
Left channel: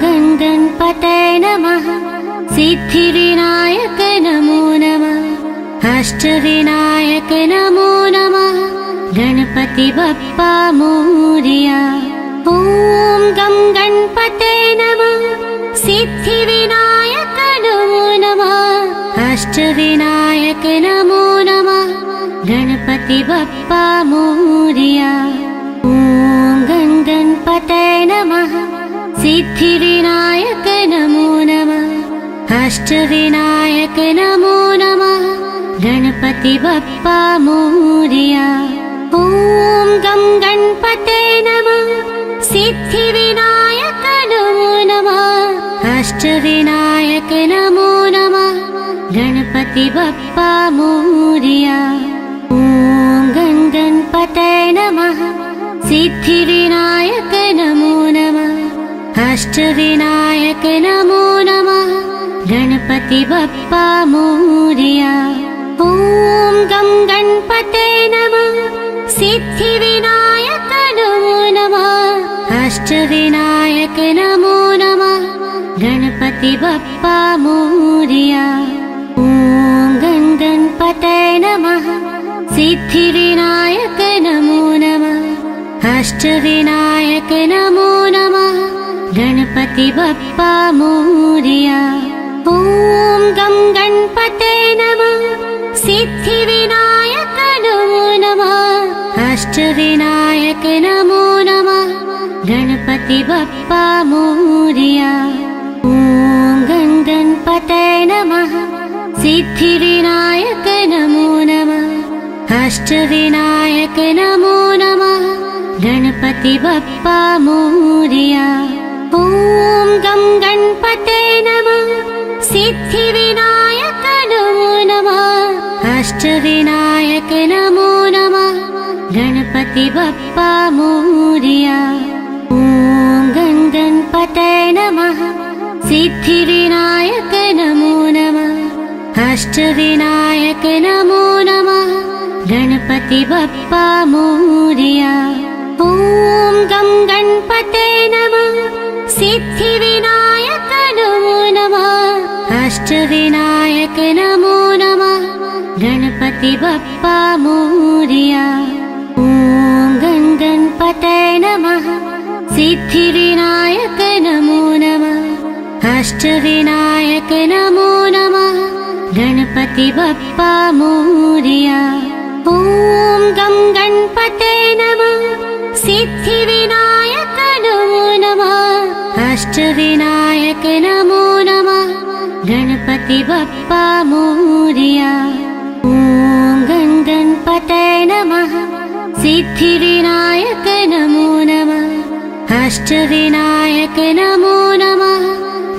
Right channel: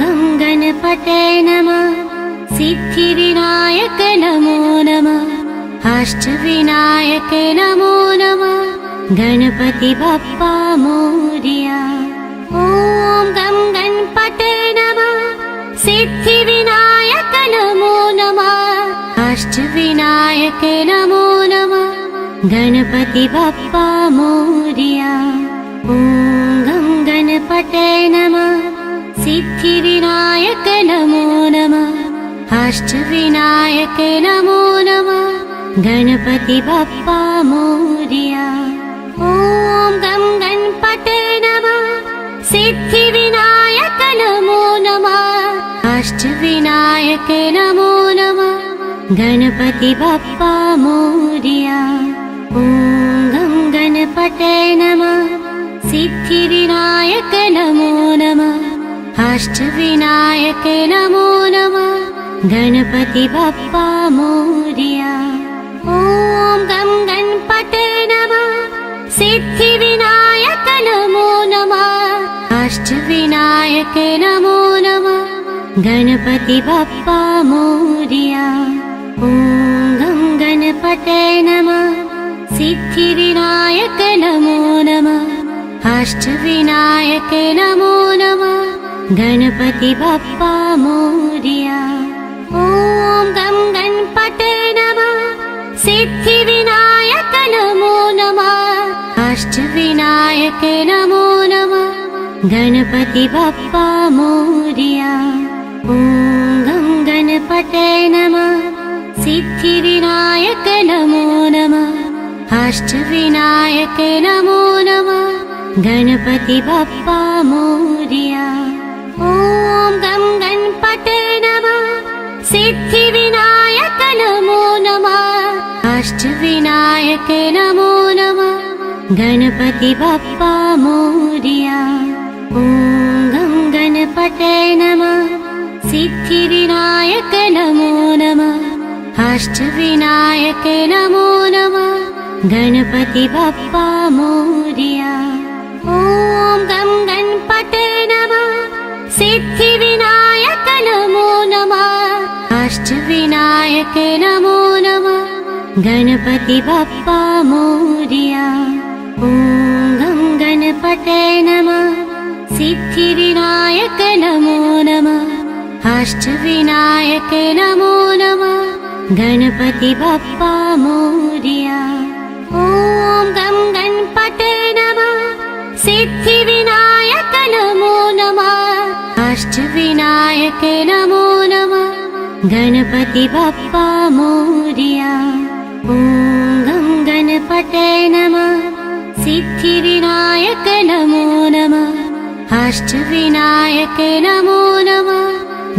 गं गणपतये नमः। सिद्धिविनायक नमो नमः। अष्टविनायक नमो नमः। गणपति बप्पा मोरया। ॐ गं गणपतये नमः। सिद्धिविनायक नमो नमः। अष्टविनायक नमो नमः। गणपति बप्पा मोरया। ॐ गं गणपतये नमः। सिद्धिविनायक नमो नमः। अष्टविनायक नमो नमः। गणपति बप्पा मोरया। ॐ गं गणपतये नमः। सिद्धिविनायक नमो नमः। अष्टविनायक नमो नमः। गणपति बप्पा मोरया। ॐ गं गणपतये नमः। सिद्धिविनायक नमो नमः। अष्टविनायक नमो नमः। गणपति बप्पा मोरया। ॐ गं गणपतये नमः। सिद्धिविनायक नमो नमः। अष्टविनायक नमो नमः। गणपति बप्पा मोरया। ॐ गं गणपतये नमः। सिद्धिविनायक नमो नमः। अष्टविनायक नमो नमः। गणपति बप्पा मोरया। ॐ गं गणपतये नमः। सिद्धिविनायक नमो नमः। अष्टविनायक नमो नमः। गणपति बप्पा मोरया। ॐ गं गणपतये नमः। सिद्धिविनायक नमो नमः। अष्टविनायक नमो नमः। गणपति बप्पा मोरया। ॐ गं गणपतये नमः। सिद्धिविनायक नमो नमः। अष्टविनायक नमो नमः। गणपति बप्पा मोरया। ॐ गं गणपतये नमः। सिद्धिविनायक नमो नमः। अष्टविनायक नमो नमः। गणपति बप्पा मोरया। ॐ गं गणपतये नमः। सिद्धिविनायक नमो नमः। अष्टविनायक नमो नमः। गणपति बप्पा मोरया। ॐ गं गणपतये नमः। सिद्धिविनायक नमो नमः। अष्टविनायक नमो नमः। गणपति बप्पा मोरया। ॐ गं गणपतये नमः। सिद्धिविनायक नमो नमः। अष्टविनायक नमो नमः। गणपति बप्पा मोरया। ॐ गं गणपतये नमः। सिद्धिविनायक नमो नमः अष्टविनायक नमो नमः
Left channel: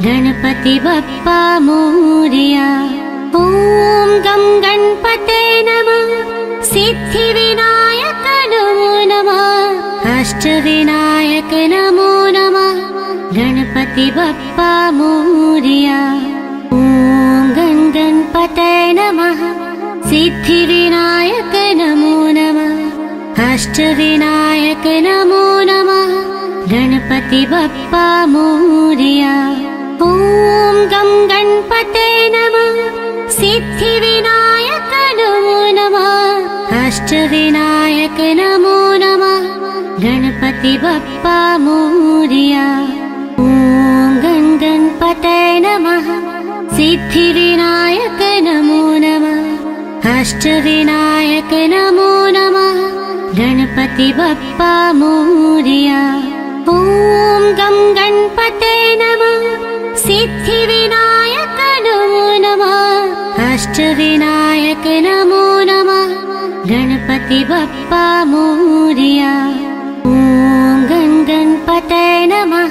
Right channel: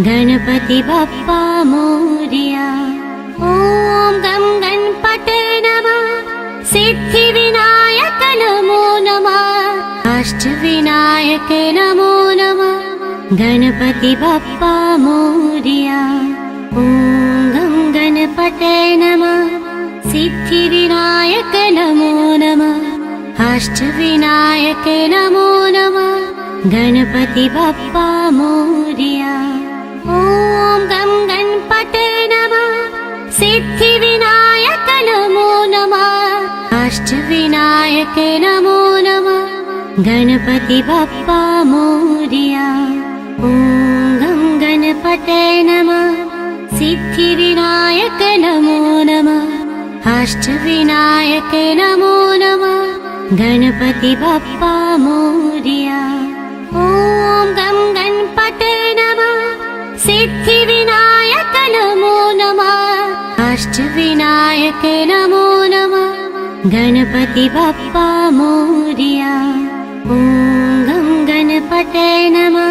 गणपति बप्पा मोरया। ॐ गं गणपते नमः सिद्धिविनायक नमो नमः अष्टविनायक नमो नमः गणपति बप्पा मोरया। ॐ गं गणपते नमः सिद्धिविनायक नमो नमः अष्टविनायक नमो नमः गणपति बप्पा मोरया। ॐ गं गणपते नमः सिद्धिविनायक नमो नमः अष्टविनायक नमो नमः गणपति बप्पा मोरया। ॐ गं गणपते नमः सिद्धिविनायक नमो नमः अष्टविनायक नमो नमः गणपति बप्पा मोरया। ॐ गं गणपते नमः सिद्धिविनायक नमो नमः अष्टविनायक नमो नमः गणपति बप्पा मोरया। ॐ गं गणपते नमः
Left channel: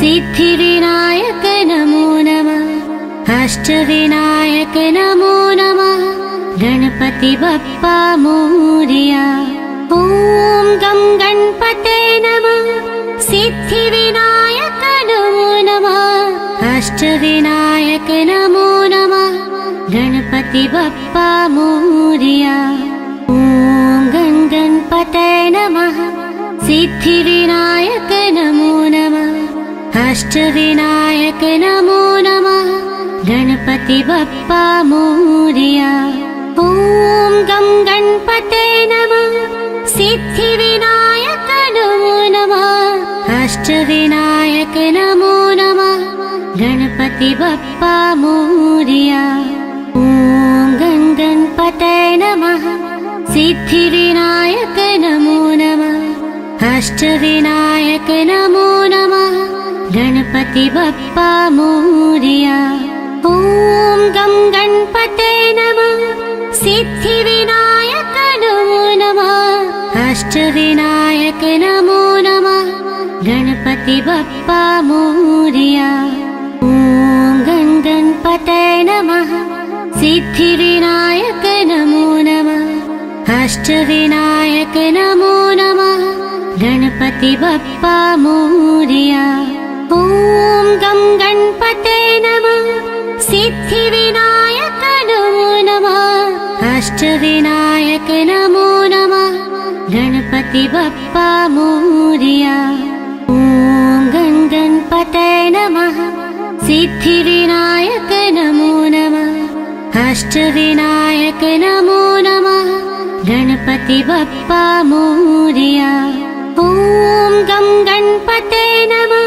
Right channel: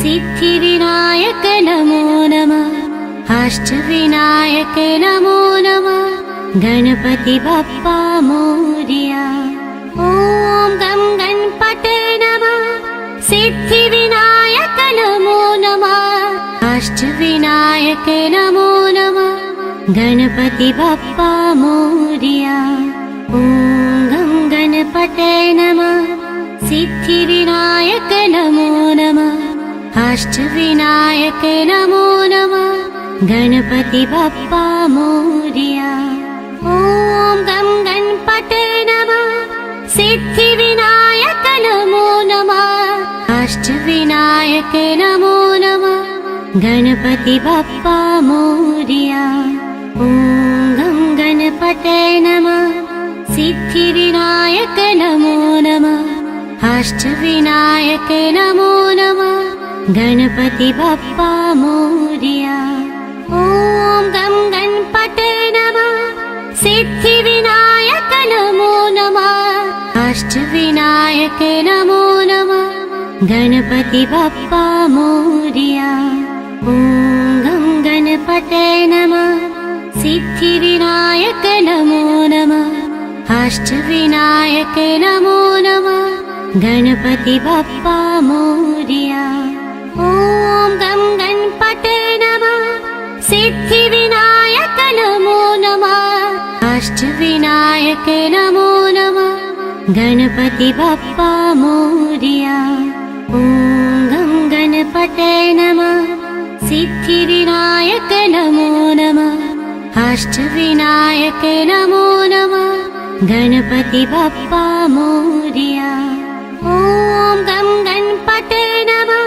सिद्धिविनायक नमो नमः अष्टविनायक नमो नमः गणपति बप्पा मोरया। ॐ गं गणपते नमः सिद्धिविनायक नमो नमः अष्टविनायक नमो नमः गणपति बप्पा मोरया। ॐ गं गणपते नमः सिद्धिविनायक नमो नमः अष्टविनायक नमो नमः गणपति बप्पा मोरया। ॐ गं गणपते नमः सिद्धिविनायक नमो नमः अष्टविनायक नमो नमः गणपति बप्पा मोरया। ॐ गं गणपते नमः सिद्धिविनायक नमो नमः अष्टविनायक नमो नमः गणपति बप्पा मोरया। ॐ गं गणपते नमः सिद्धिविनायक नमो नमः अष्टविनायक नमो नमः गणपति बप्पा मोरया। ॐ गं गणपते नमः सिद्धिविनायक नमो नमः अष्टविनायक नमो नमः गणपति बप्पा मोरया। ॐ गं गणपते नमः सिद्धिविनायक नमो नमः अष्टविनायक नमो नमः गणपति बप्पा मोरया। ॐ गं गणपते नमः सिद्धिविनायक नमो नमः अष्टविनायक नमो नमः गणपति बप्पा मोरया। ॐ गं गणपते नमः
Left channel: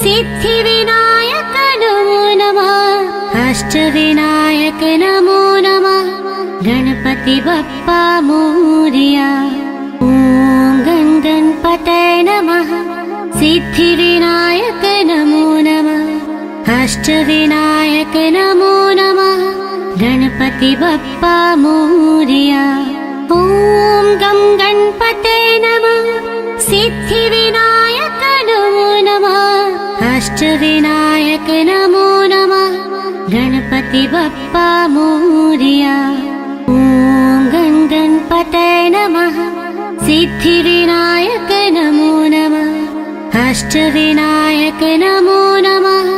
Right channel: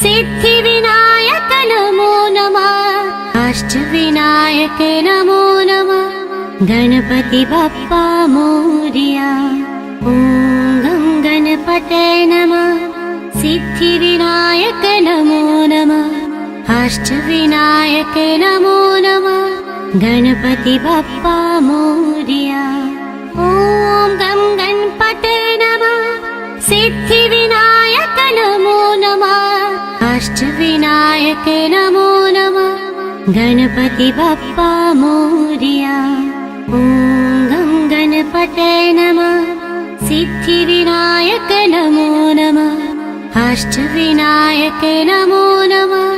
सिद्धिविनायक नमो नमः अष्टविनायक नमो नमः गणपति बप्पा मोरया। ॐ गं गणपते नमः सिद्धिविनायक नमो नमः अष्टविनायक नमो नमः गणपति बप्पा मोरया। ॐ गं गणपते नमः सिद्धिविनायक नमो नमः अष्टविनायक नमो नमः गणपति बप्पा मोरया। ॐ गं गणपते नमः सिद्धिविनायक नमो नमः अष्टविनायक नमो नमः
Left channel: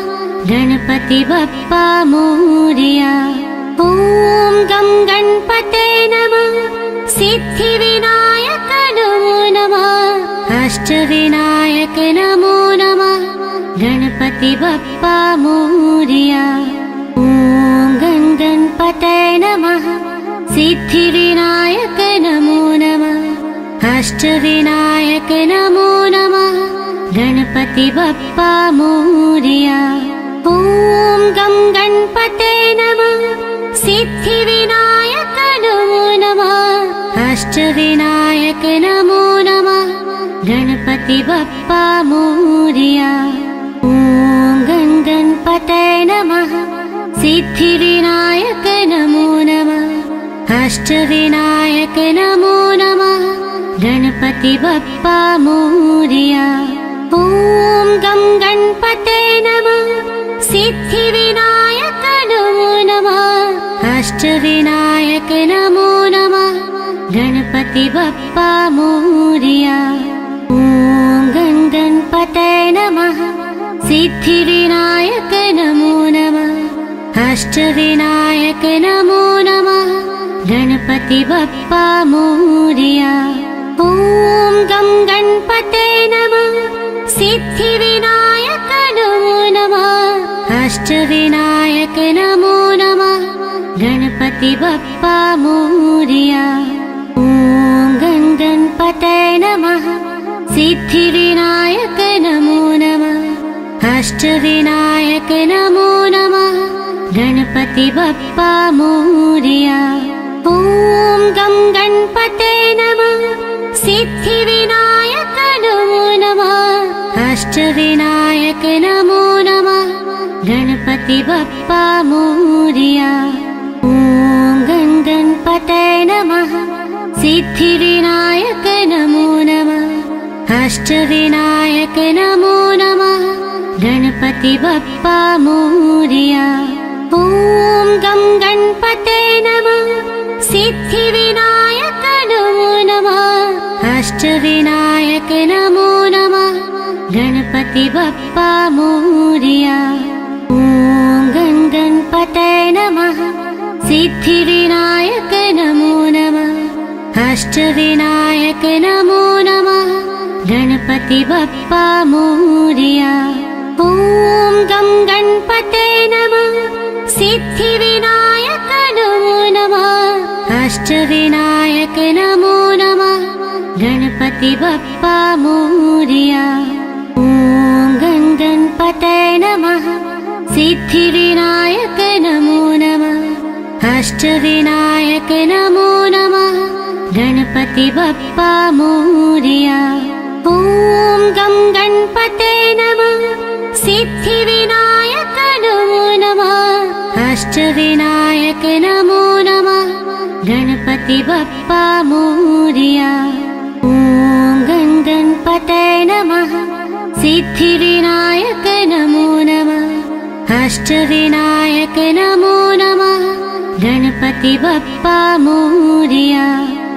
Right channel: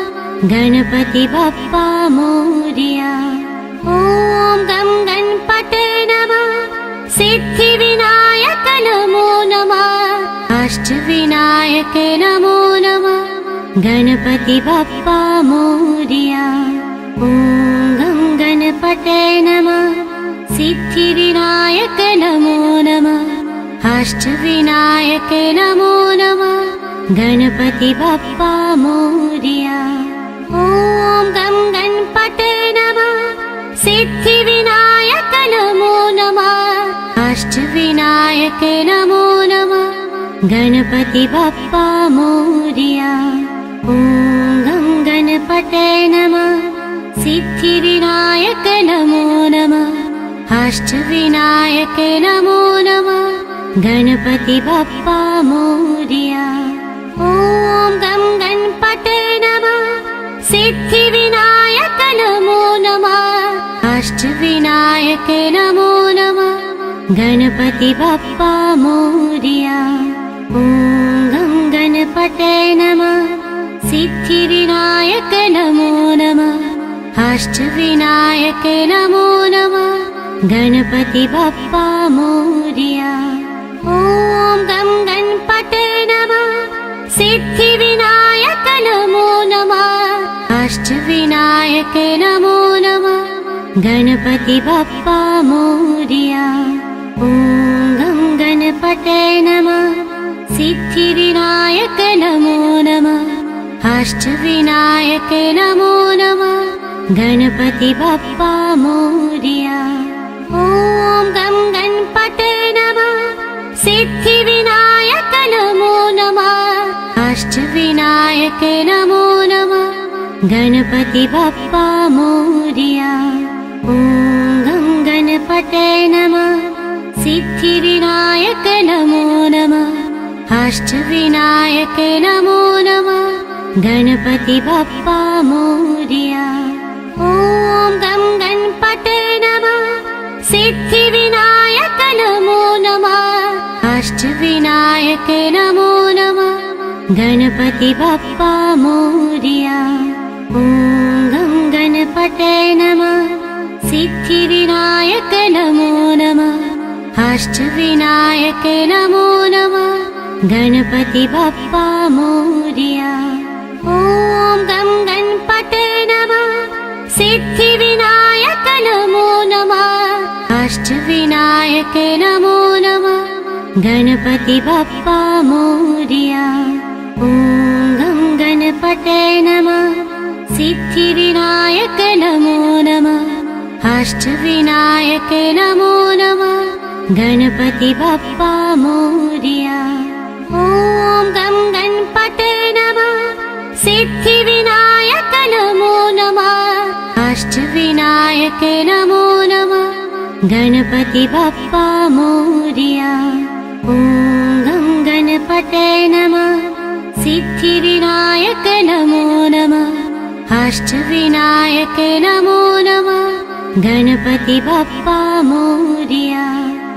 गणपति बप्पा मोरया। ॐ गं गणपते नमः सिद्धिविनायक नमो नमः अष्टविनायक नमो नमः गणपति बप्पा मोरया। ॐ गं गणपते नमः सिद्धिविनायक नमो नमः अष्टविनायक नमो नमः गणपति बप्पा मोरया। ॐ गं गणपते नमः सिद्धिविनायक नमो नमः अष्टविनायक नमो नमः गणपति बप्पा मोरया। ॐ गं गणपते नमः सिद्धिविनायक नमो नमः अष्टविनायक नमो नमः गणपति बप्पा मोरया। ॐ गं गणपते नमः। सिद्धिविनायक नमो नमः। अष्टविनायक नमो नमः। गणपति बप्पा मोरया। ॐ गं गणपते नमः। सिद्धिविनायक नमो नमः। अष्टविनायक नमो नमः। गणपति बप्पा मोरया। ॐ गं गणपते नमः। सिद्धिविनायक नमो नमः। अष्टविनायक नमो नमः। गणपति बप्पा मोरया। ॐ गं गणपते नमः। सिद्धिविनायक नमो नमः। अष्टविनायक नमो नमः। गणपति बप्पा मोरया। ॐ गं गणपते नमः। सिद्धिविनायक नमो नमः। अष्टविनायक नमो नमः। गणपति बप्पा मोरया। ॐ गं गणपते नमः। सिद्धिविनायक नमो नमः। अष्टविनायक नमो नमः। गणपति बप्पा मोरया। ॐ गं गणपते नमः। सिद्धिविनायक नमो नमः। अष्टविनायक नमो नमः। गणपति बप्पा मोरया। ॐ गं गणपते नमः। सिद्धिविनायक नमो नमः। अष्टविनायक नमो नमः। गणपति बप्पा मोरया। ॐ गं गणपते नमः। सिद्धिविनायक नमो नमः। अष्टविनायक नमो नमः। गणपति बप्पा मोरया। ॐ गं गणपते नमः। सिद्धिविनायक नमो नमः। अष्टविनायक नमो नमः। गणपति बप्पा मोरया। ॐ गं गणपते नमः। सिद्धिविनायक नमो नमः। अष्टविनायक नमो नमः। गणपति बप्पा मोरया। ॐ गं गणपते नमः। सिद्धिविनायक नमो नमः। अष्टविनायक नमो नमः। गणपति बप्पा मोरया।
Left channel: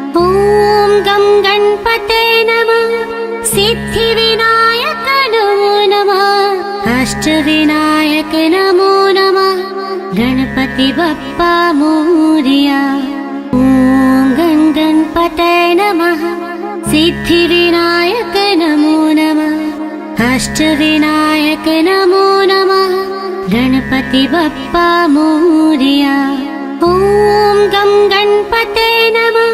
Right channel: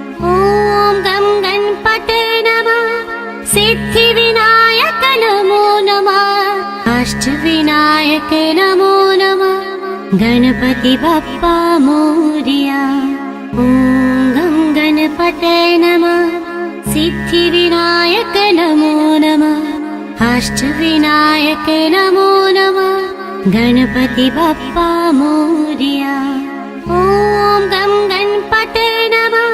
ॐ गं गणपते नमः। सिद्धिविनायक नमो नमः। अष्टविनायक नमो नमः। गणपति बप्पा मोरया। ॐ गं गणपते नमः। सिद्धिविनायक नमो नमः। अष्टविनायक नमो नमः। गणपति बप्पा मोरया। ॐ गं गणपते नमः।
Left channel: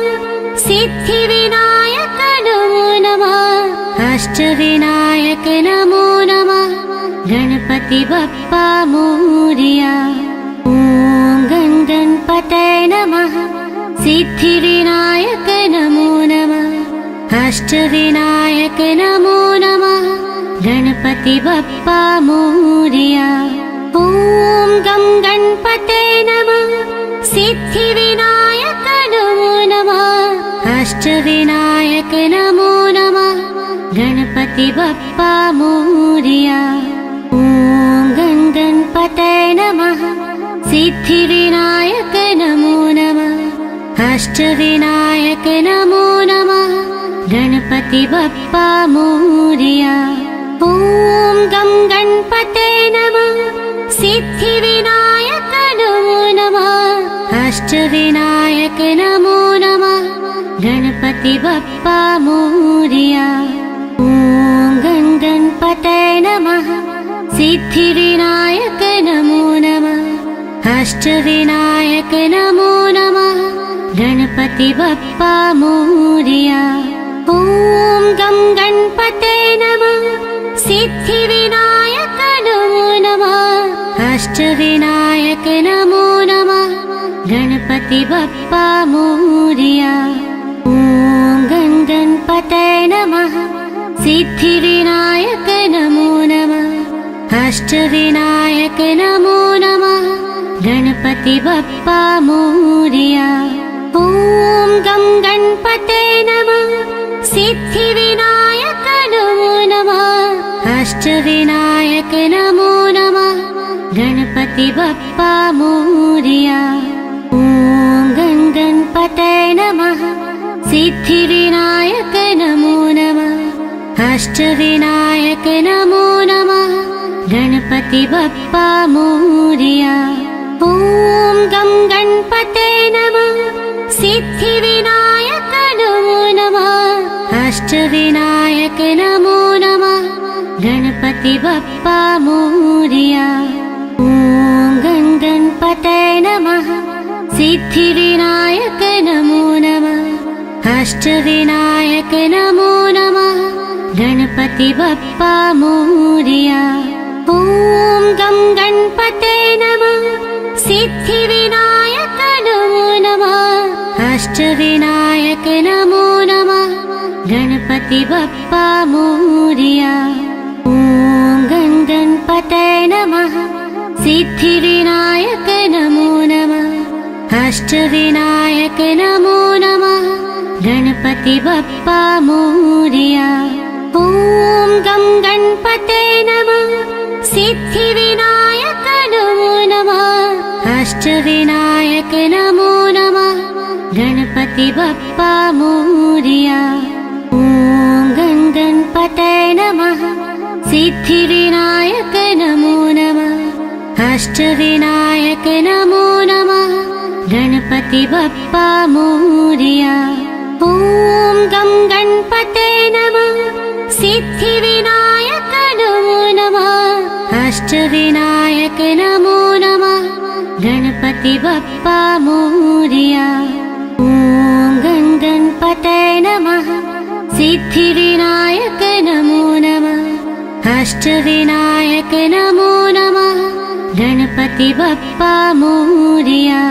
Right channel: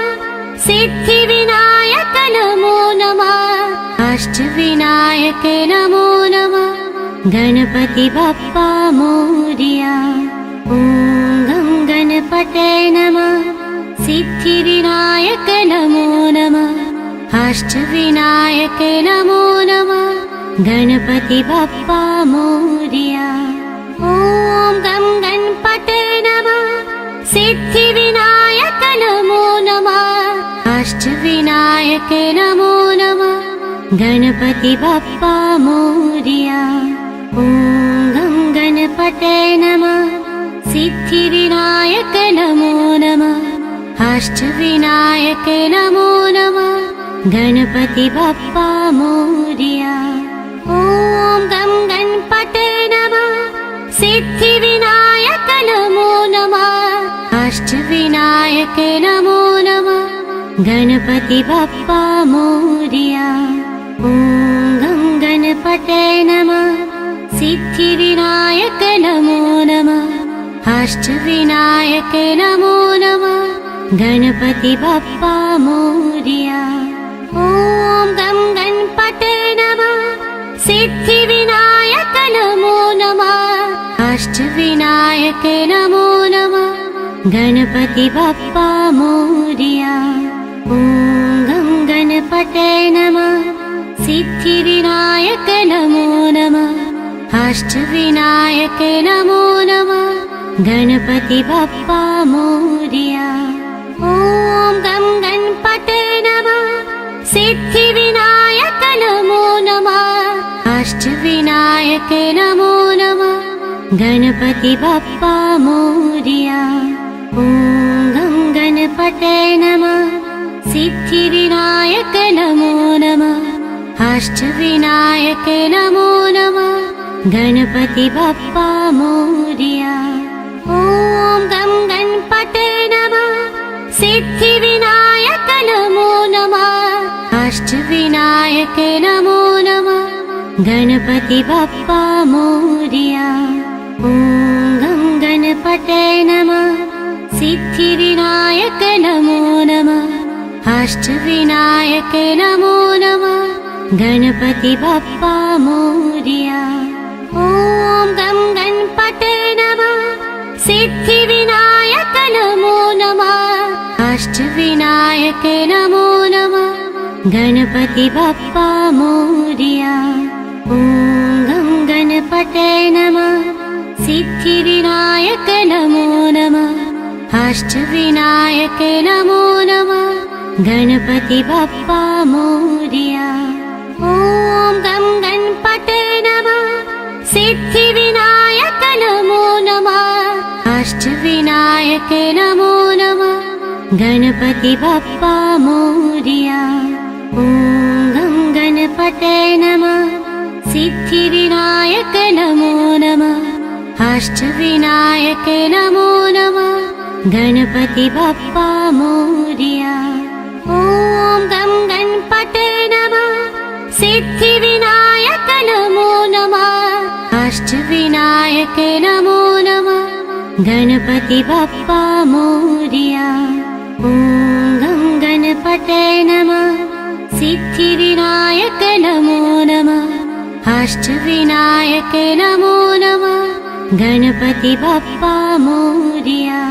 सिद्धिविनायक नमो नमः। अष्टविनायक नमो नमः। गणपति बप्पा मोरया। ॐ गं गणपते नमः। सिद्धिविनायक नमो नमः। अष्टविनायक नमो नमः। गणपति बप्पा मोरया। ॐ गं गणपते नमः। सिद्धिविनायक नमो नमः। अष्टविनायक नमो नमः। गणपति बप्पा मोरया। ॐ गं गणपते नमः। सिद्धिविनायक नमो नमः। अष्टविनायक नमो नमः। गणपति बप्पा मोरया। ॐ गं गणपते नमः। सिद्धिविनायक नमो नमः। अष्टविनायक नमो नमः। गणपति बप्पा मोरया। ॐ गं गणपते नमः। सिद्धिविनायक नमो नमः। अष्टविनायक नमो नमः। गणपति बप्पा मोरया। ॐ गं गणपते नमः। सिद्धिविनायक नमो नमः। अष्टविनायक नमो नमः। गणपति बप्पा मोरया। ॐ गं गणपते नमः। सिद्धिविनायक नमो नमः। अष्टविनायक नमो नमः। गणपति बप्पा मोरया। ॐ गं गणपते नमः। सिद्धिविनायक नमो नमः अष्टविनायक नमो नमः गणपति बप्पा मोरया ॐ गं गणपतये नमः सिद्धिविनायक नमो नमः अष्टविनायक नमो नमः गणपति बप्पा मोरया ॐ गं गणपतये नमः सिद्धिविनायक नमो नमः अष्टविनायक नमो नमः गणपति बप्पा मोरया ॐ गं गणपतये नमः सिद्धिविनायक नमो नमः अष्टविनायक नमो नमः गणपति बप्पा मोरया ॐ गं गणपतये नमः सिद्धिविनायक नमो नमः अष्टविनायक नमो नमः गणपति बप्पा मोरया ॐ गं गणपतये नमः सिद्धिविनायक नमो नमः अष्टविनायक नमो नमः गणपति बप्पा मोरया ॐ गं गणपतये नमः सिद्धिविनायक नमो नमः अष्टविनायक नमो नमः गणपति बप्पा मोरया ॐ गं गणपतये नमः सिद्धिविनायक नमो नमः अष्टविनायक नमो नमः गणपति बप्पा मोरया ॐ गं गणपतये नमः सिद्धिविनायक नमो नमः अष्टविनायक नमो नमः गणपति बप्पा मोरया ॐ गं गणपतये नमः सिद्धिविनायक नमो नमः अष्टविनायक नमो नमः गणपति बप्पा मोरया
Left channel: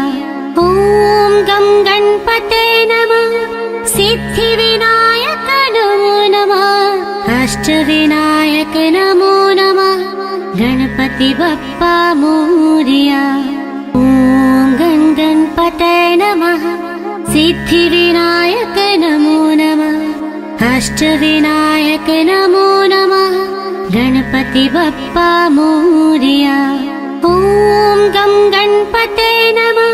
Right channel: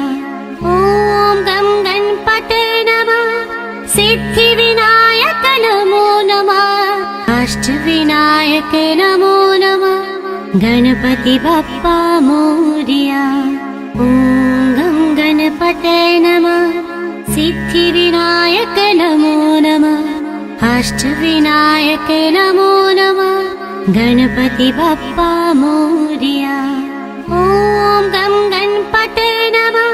ॐ गं गणपतये नमः सिद्धिविनायक नमो नमः अष्टविनायक नमो नमः गणपति बप्पा मोरया ॐ गं गणपतये नमः सिद्धिविनायक नमो नमः अष्टविनायक नमो नमः गणपति बप्पा मोरया ॐ गं गणपतये नमः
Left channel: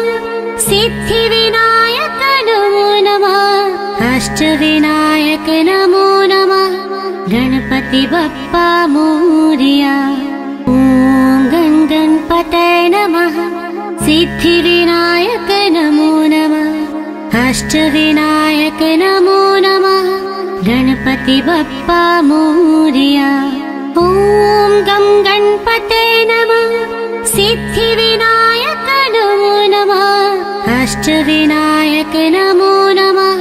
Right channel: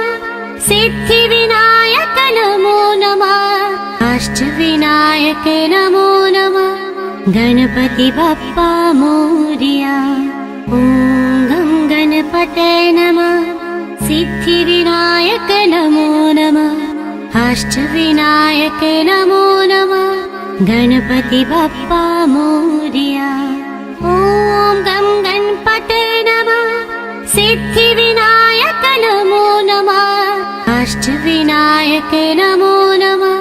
सिद्धिविनायक नमो नमः अष्टविनायक नमो नमः गणपति बप्पा मोरया ॐ गं गणपतये नमः सिद्धिविनायक नमो नमः अष्टविनायक नमो नमः गणपति बप्पा मोरया ॐ गं गणपतये नमः सिद्धिविनायक नमो नमः अष्टविनायक नमो नमः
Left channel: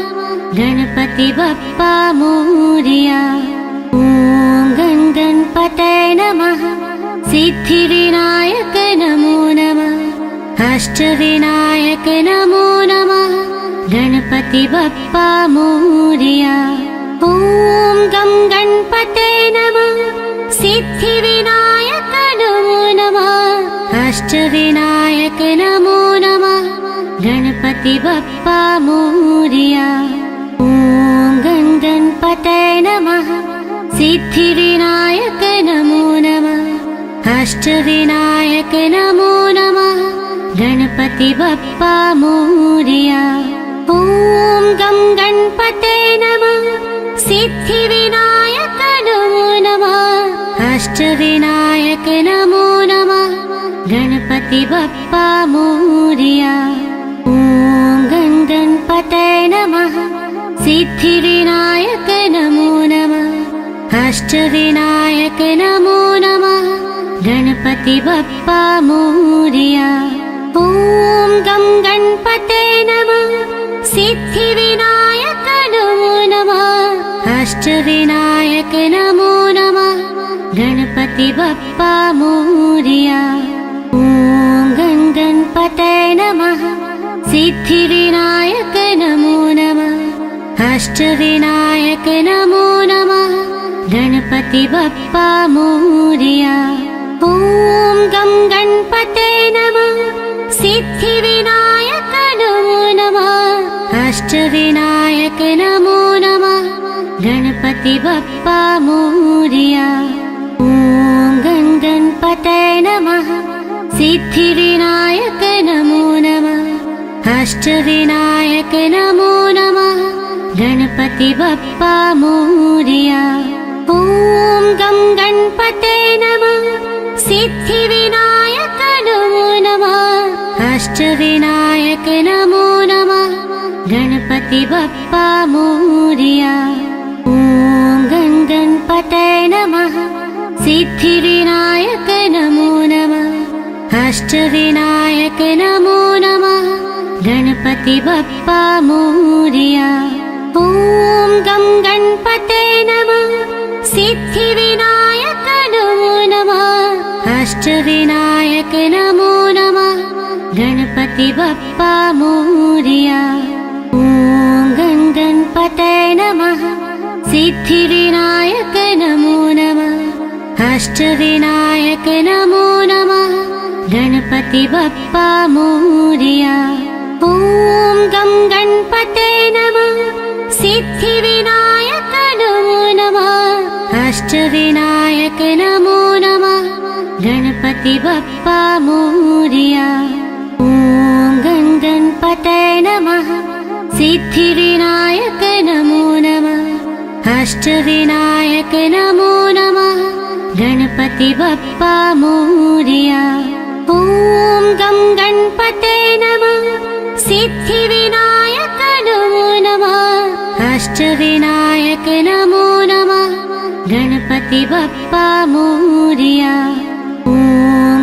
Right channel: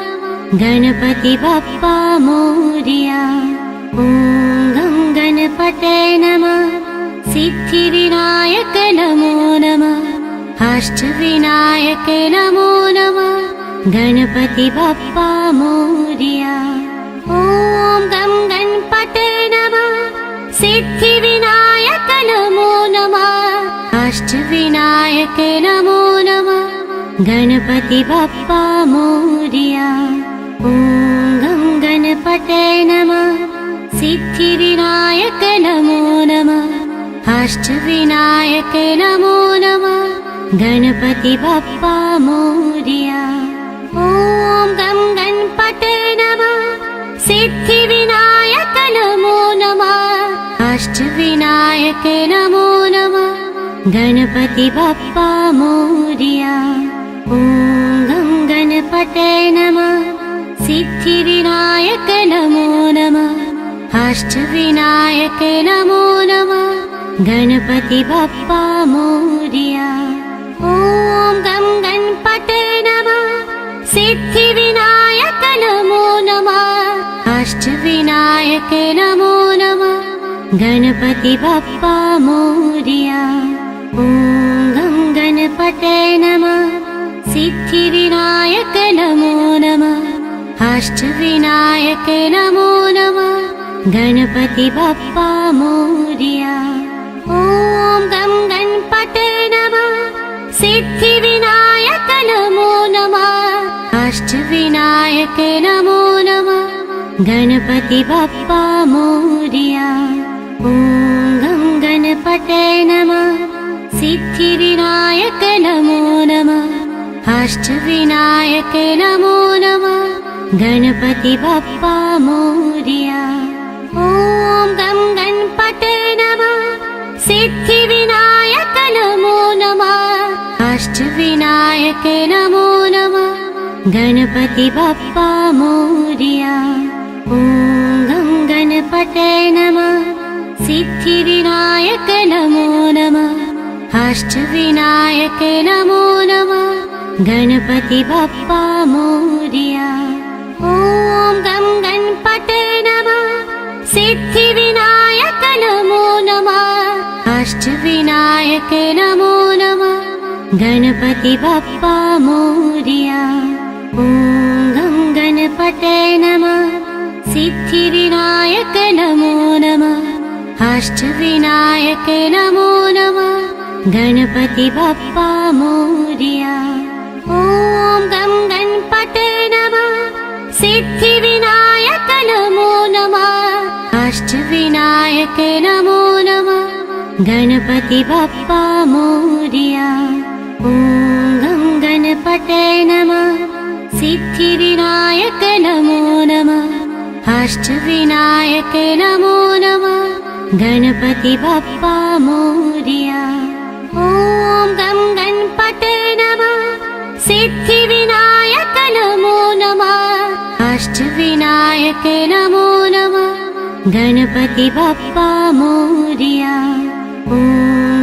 गणपति बप्पा मोरया ॐ गं गणपतये नमः सिद्धिविनायक नमो नमः अष्टविनायक नमो नमः गणपति बप्पा मोरया ॐ गं गणपतये नमः सिद्धिविनायक नमो नमः अष्टविनायक नमो नमः गणपति बप्पा मोरया ॐ गं गणपतये नमः सिद्धिविनायक नमो नमः अष्टविनायक नमो नमः गणपति बप्पा मोरया ॐ गं गणपतये नमः सिद्धिविनायक नमो नमः अष्टविनायक नमो नमः गणपति बप्पा मोरया ॐ गं गणपतये नमः सिद्धिविनायक नमो नमः अष्टविनायक नमो नमः गणपति बप्पा मोरया ॐ गं गणपतये नमः सिद्धिविनायक नमो नमः अष्टविनायक नमो नमः गणपति बप्पा मोरया ॐ गं गणपतये नमः सिद्धिविनायक नमो नमः अष्टविनायक नमो नमः गणपति बप्पा मोरया ॐ गं गणपतये नमः सिद्धिविनायक नमो नमः अष्टविनायक नमो नमः गणपति बप्पा मोरया। ॐ गं गणपतये नमः। सिद्धिविनायक नमो नमः। अष्टविनायक नमो नमः। गणपति बप्पा मोरया। ॐ गं गणपतये नमः। सिद्धिविनायक नमो नमः। अष्टविनायक नमो नमः। गणपति बप्पा मोरया। ॐ गं गणपतये नमः। सिद्धिविनायक नमो नमः। अष्टविनायक नमो नमः। गणपति बप्पा मोरया। ॐ गं गणपतये नमः। सिद्धिविनायक नमो नमः। अष्टविनायक नमो नमः। गणपति बप्पा मोरया। ॐ गं गणपतये नमः। सिद्धिविनायक नमो नमः। अष्टविनायक नमो नमः। गणपति बप्पा मोरया। ॐ गं गणपतये नमः। सिद्धिविनायक नमो नमः। अष्टविनायक नमो नमः। गणपति बप्पा मोरया। ॐ गं गणपतये नमः। सिद्धिविनायक नमो नमः। अष्टविनायक नमो नमः। गणपति बप्पा मोरया। ॐ गं गणपतये नमः। सिद्धिविनायक नमो नमः। अष्टविनायक नमो नमः। गणपति बप्पा मोरया। ॐ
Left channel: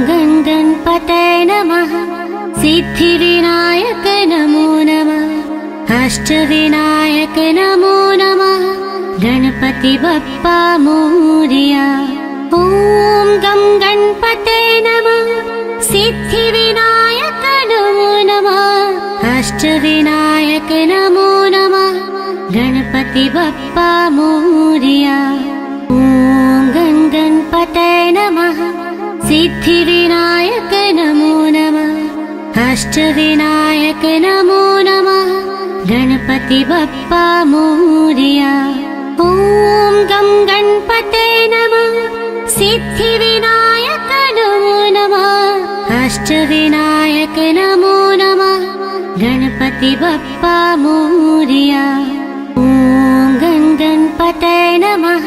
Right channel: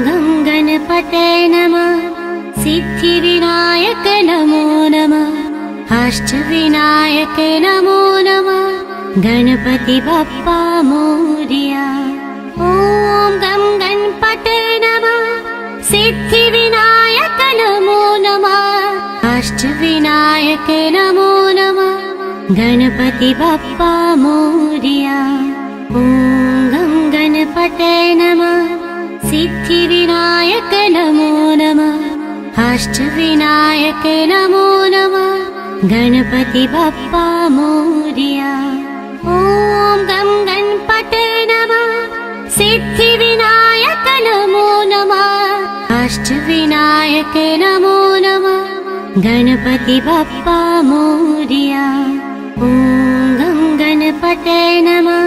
गं गणपतये नमः। सिद्धिविनायक नमो नमः। अष्टविनायक नमो नमः। गणपति बप्पा मोरया। ॐ गं गणपतये नमः। सिद्धिविनायक नमो नमः। अष्टविनायक नमो नमः। गणपति बप्पा मोरया। ॐ गं गणपतये नमः। सिद्धिविनायक नमो नमः। अष्टविनायक नमो नमः। गणपति बप्पा मोरया। ॐ गं गणपतये नमः। सिद्धिविनायक नमो नमः। अष्टविनायक नमो नमः। गणपति बप्पा मोरया। ॐ गं गणपतये नमः।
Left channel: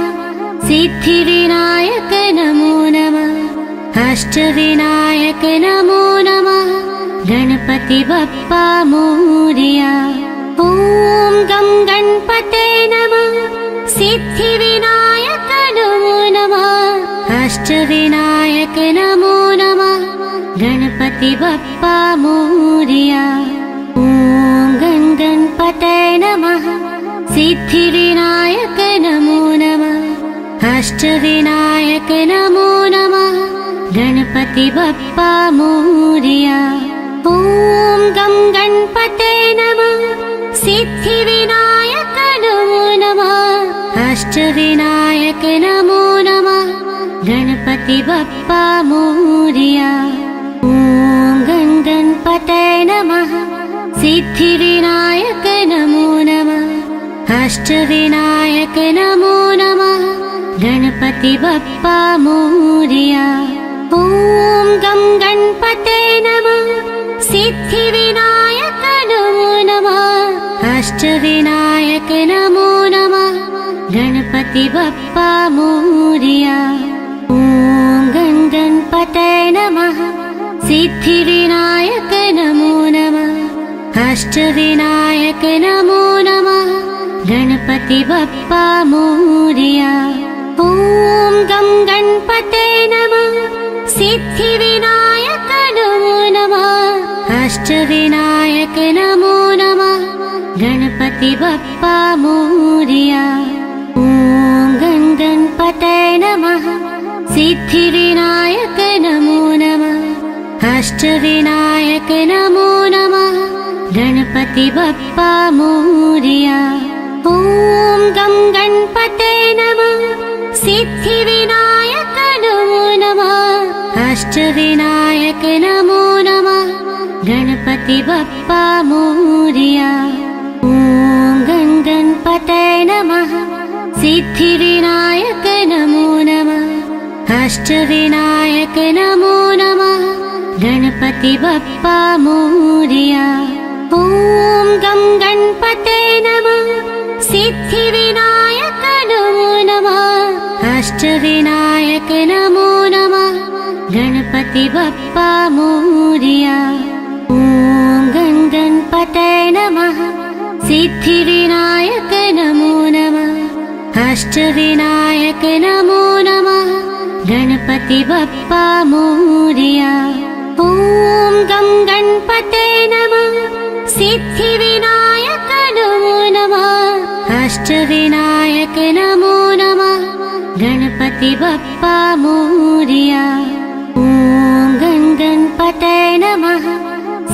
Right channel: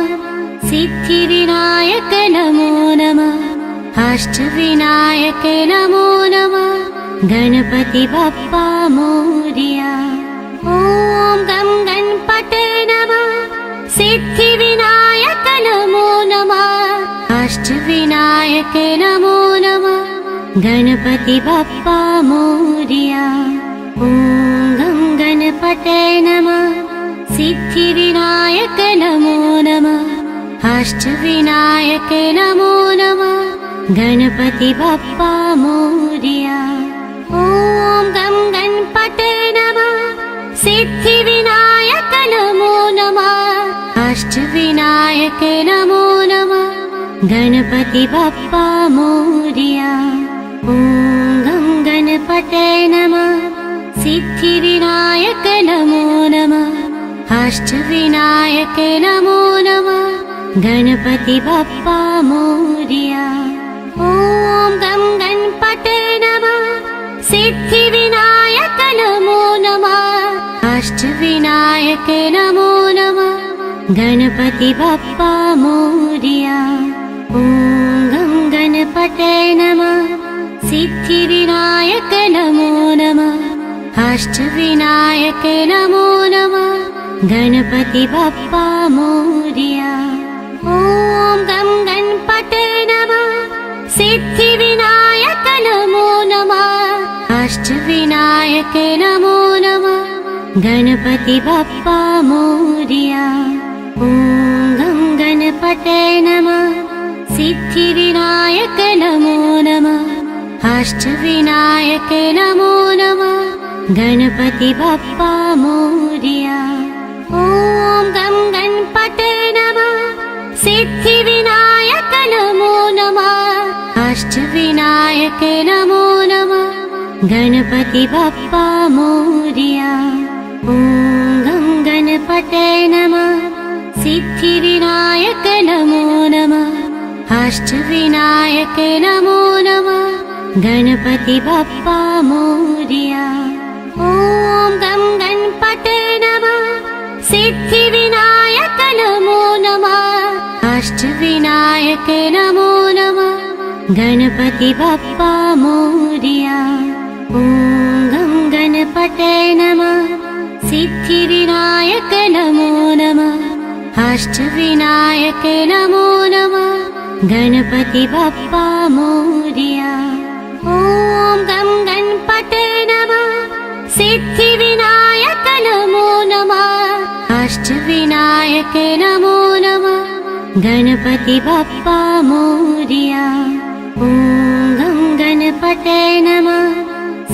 सिद्धिविनायक नमो नमः। अष्टविनायक नमो नमः। गणपति बप्पा मोरया। ॐ गं गणपतये नमः। सिद्धिविनायक नमो नमः। अष्टविनायक नमो नमः। गणपति बप्पा मोरया। ॐ गं गणपतये नमः। सिद्धिविनायक नमो नमः। अष्टविनायक नमो नमः। गणपति बप्पा मोरया। ॐ गं गणपतये नमः। सिद्धिविनायक नमो नमः। अष्टविनायक नमो नमः। गणपति बप्पा मोरया। ॐ गं गणपतये नमः। सिद्धिविनायक नमो नमः। अष्टविनायक नमो नमः। गणपति बप्पा मोरया। ॐ गं गणपतये नमः। सिद्धिविनायक नमो नमः। अष्टविनायक नमो नमः। गणपति बप्पा मोरया। ॐ गं गणपतये नमः। सिद्धिविनायक नमो नमः। अष्टविनायक नमो नमः। गणपति बप्पा मोरया। ॐ गं गणपतये नमः। सिद्धिविनायक नमो नमः। अष्टविनायक नमो नमः। गणपति बप्पा मोरया। ॐ गं गणपतये नमः। सिद्धिविनायक नमो नमः। अष्टविनायक नमो नमः। गणपति बप्पा मोरया। ॐ गं गणपतये नमः। सिद्धिविनायक नमो नमः। अष्टविनायक नमो नमः। गणपति बप्पा मोरया। ॐ गं गणपतये नमः। सिद्धिविनायक नमो नमः अष्टविनायक नमो नमः गणपति बप्पा मोरया। ॐ गं गणपते नमः सिद्धिविनायक नमो नमः अष्टविनायक नमो नमः गणपति बप्पा मोरया। ॐ गं गणपते नमः सिद्धिविनायक नमो नमः अष्टविनायक नमो नमः गणपति बप्पा मोरया। ॐ गं गणपते नमः सिद्धिविनायक नमो नमः अष्टविनायक नमो नमः गणपति बप्पा मोरया। ॐ गं गणपते नमः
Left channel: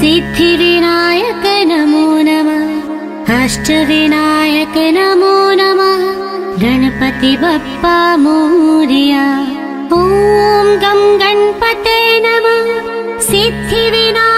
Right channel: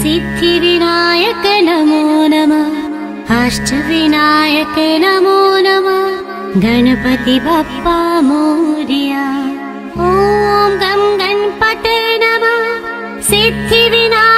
सिद्धिविनायक नमो नमः अष्टविनायक नमो नमः गणपति बप्पा मोरया। ॐ गं गणपते नमः सिद्धिविनायक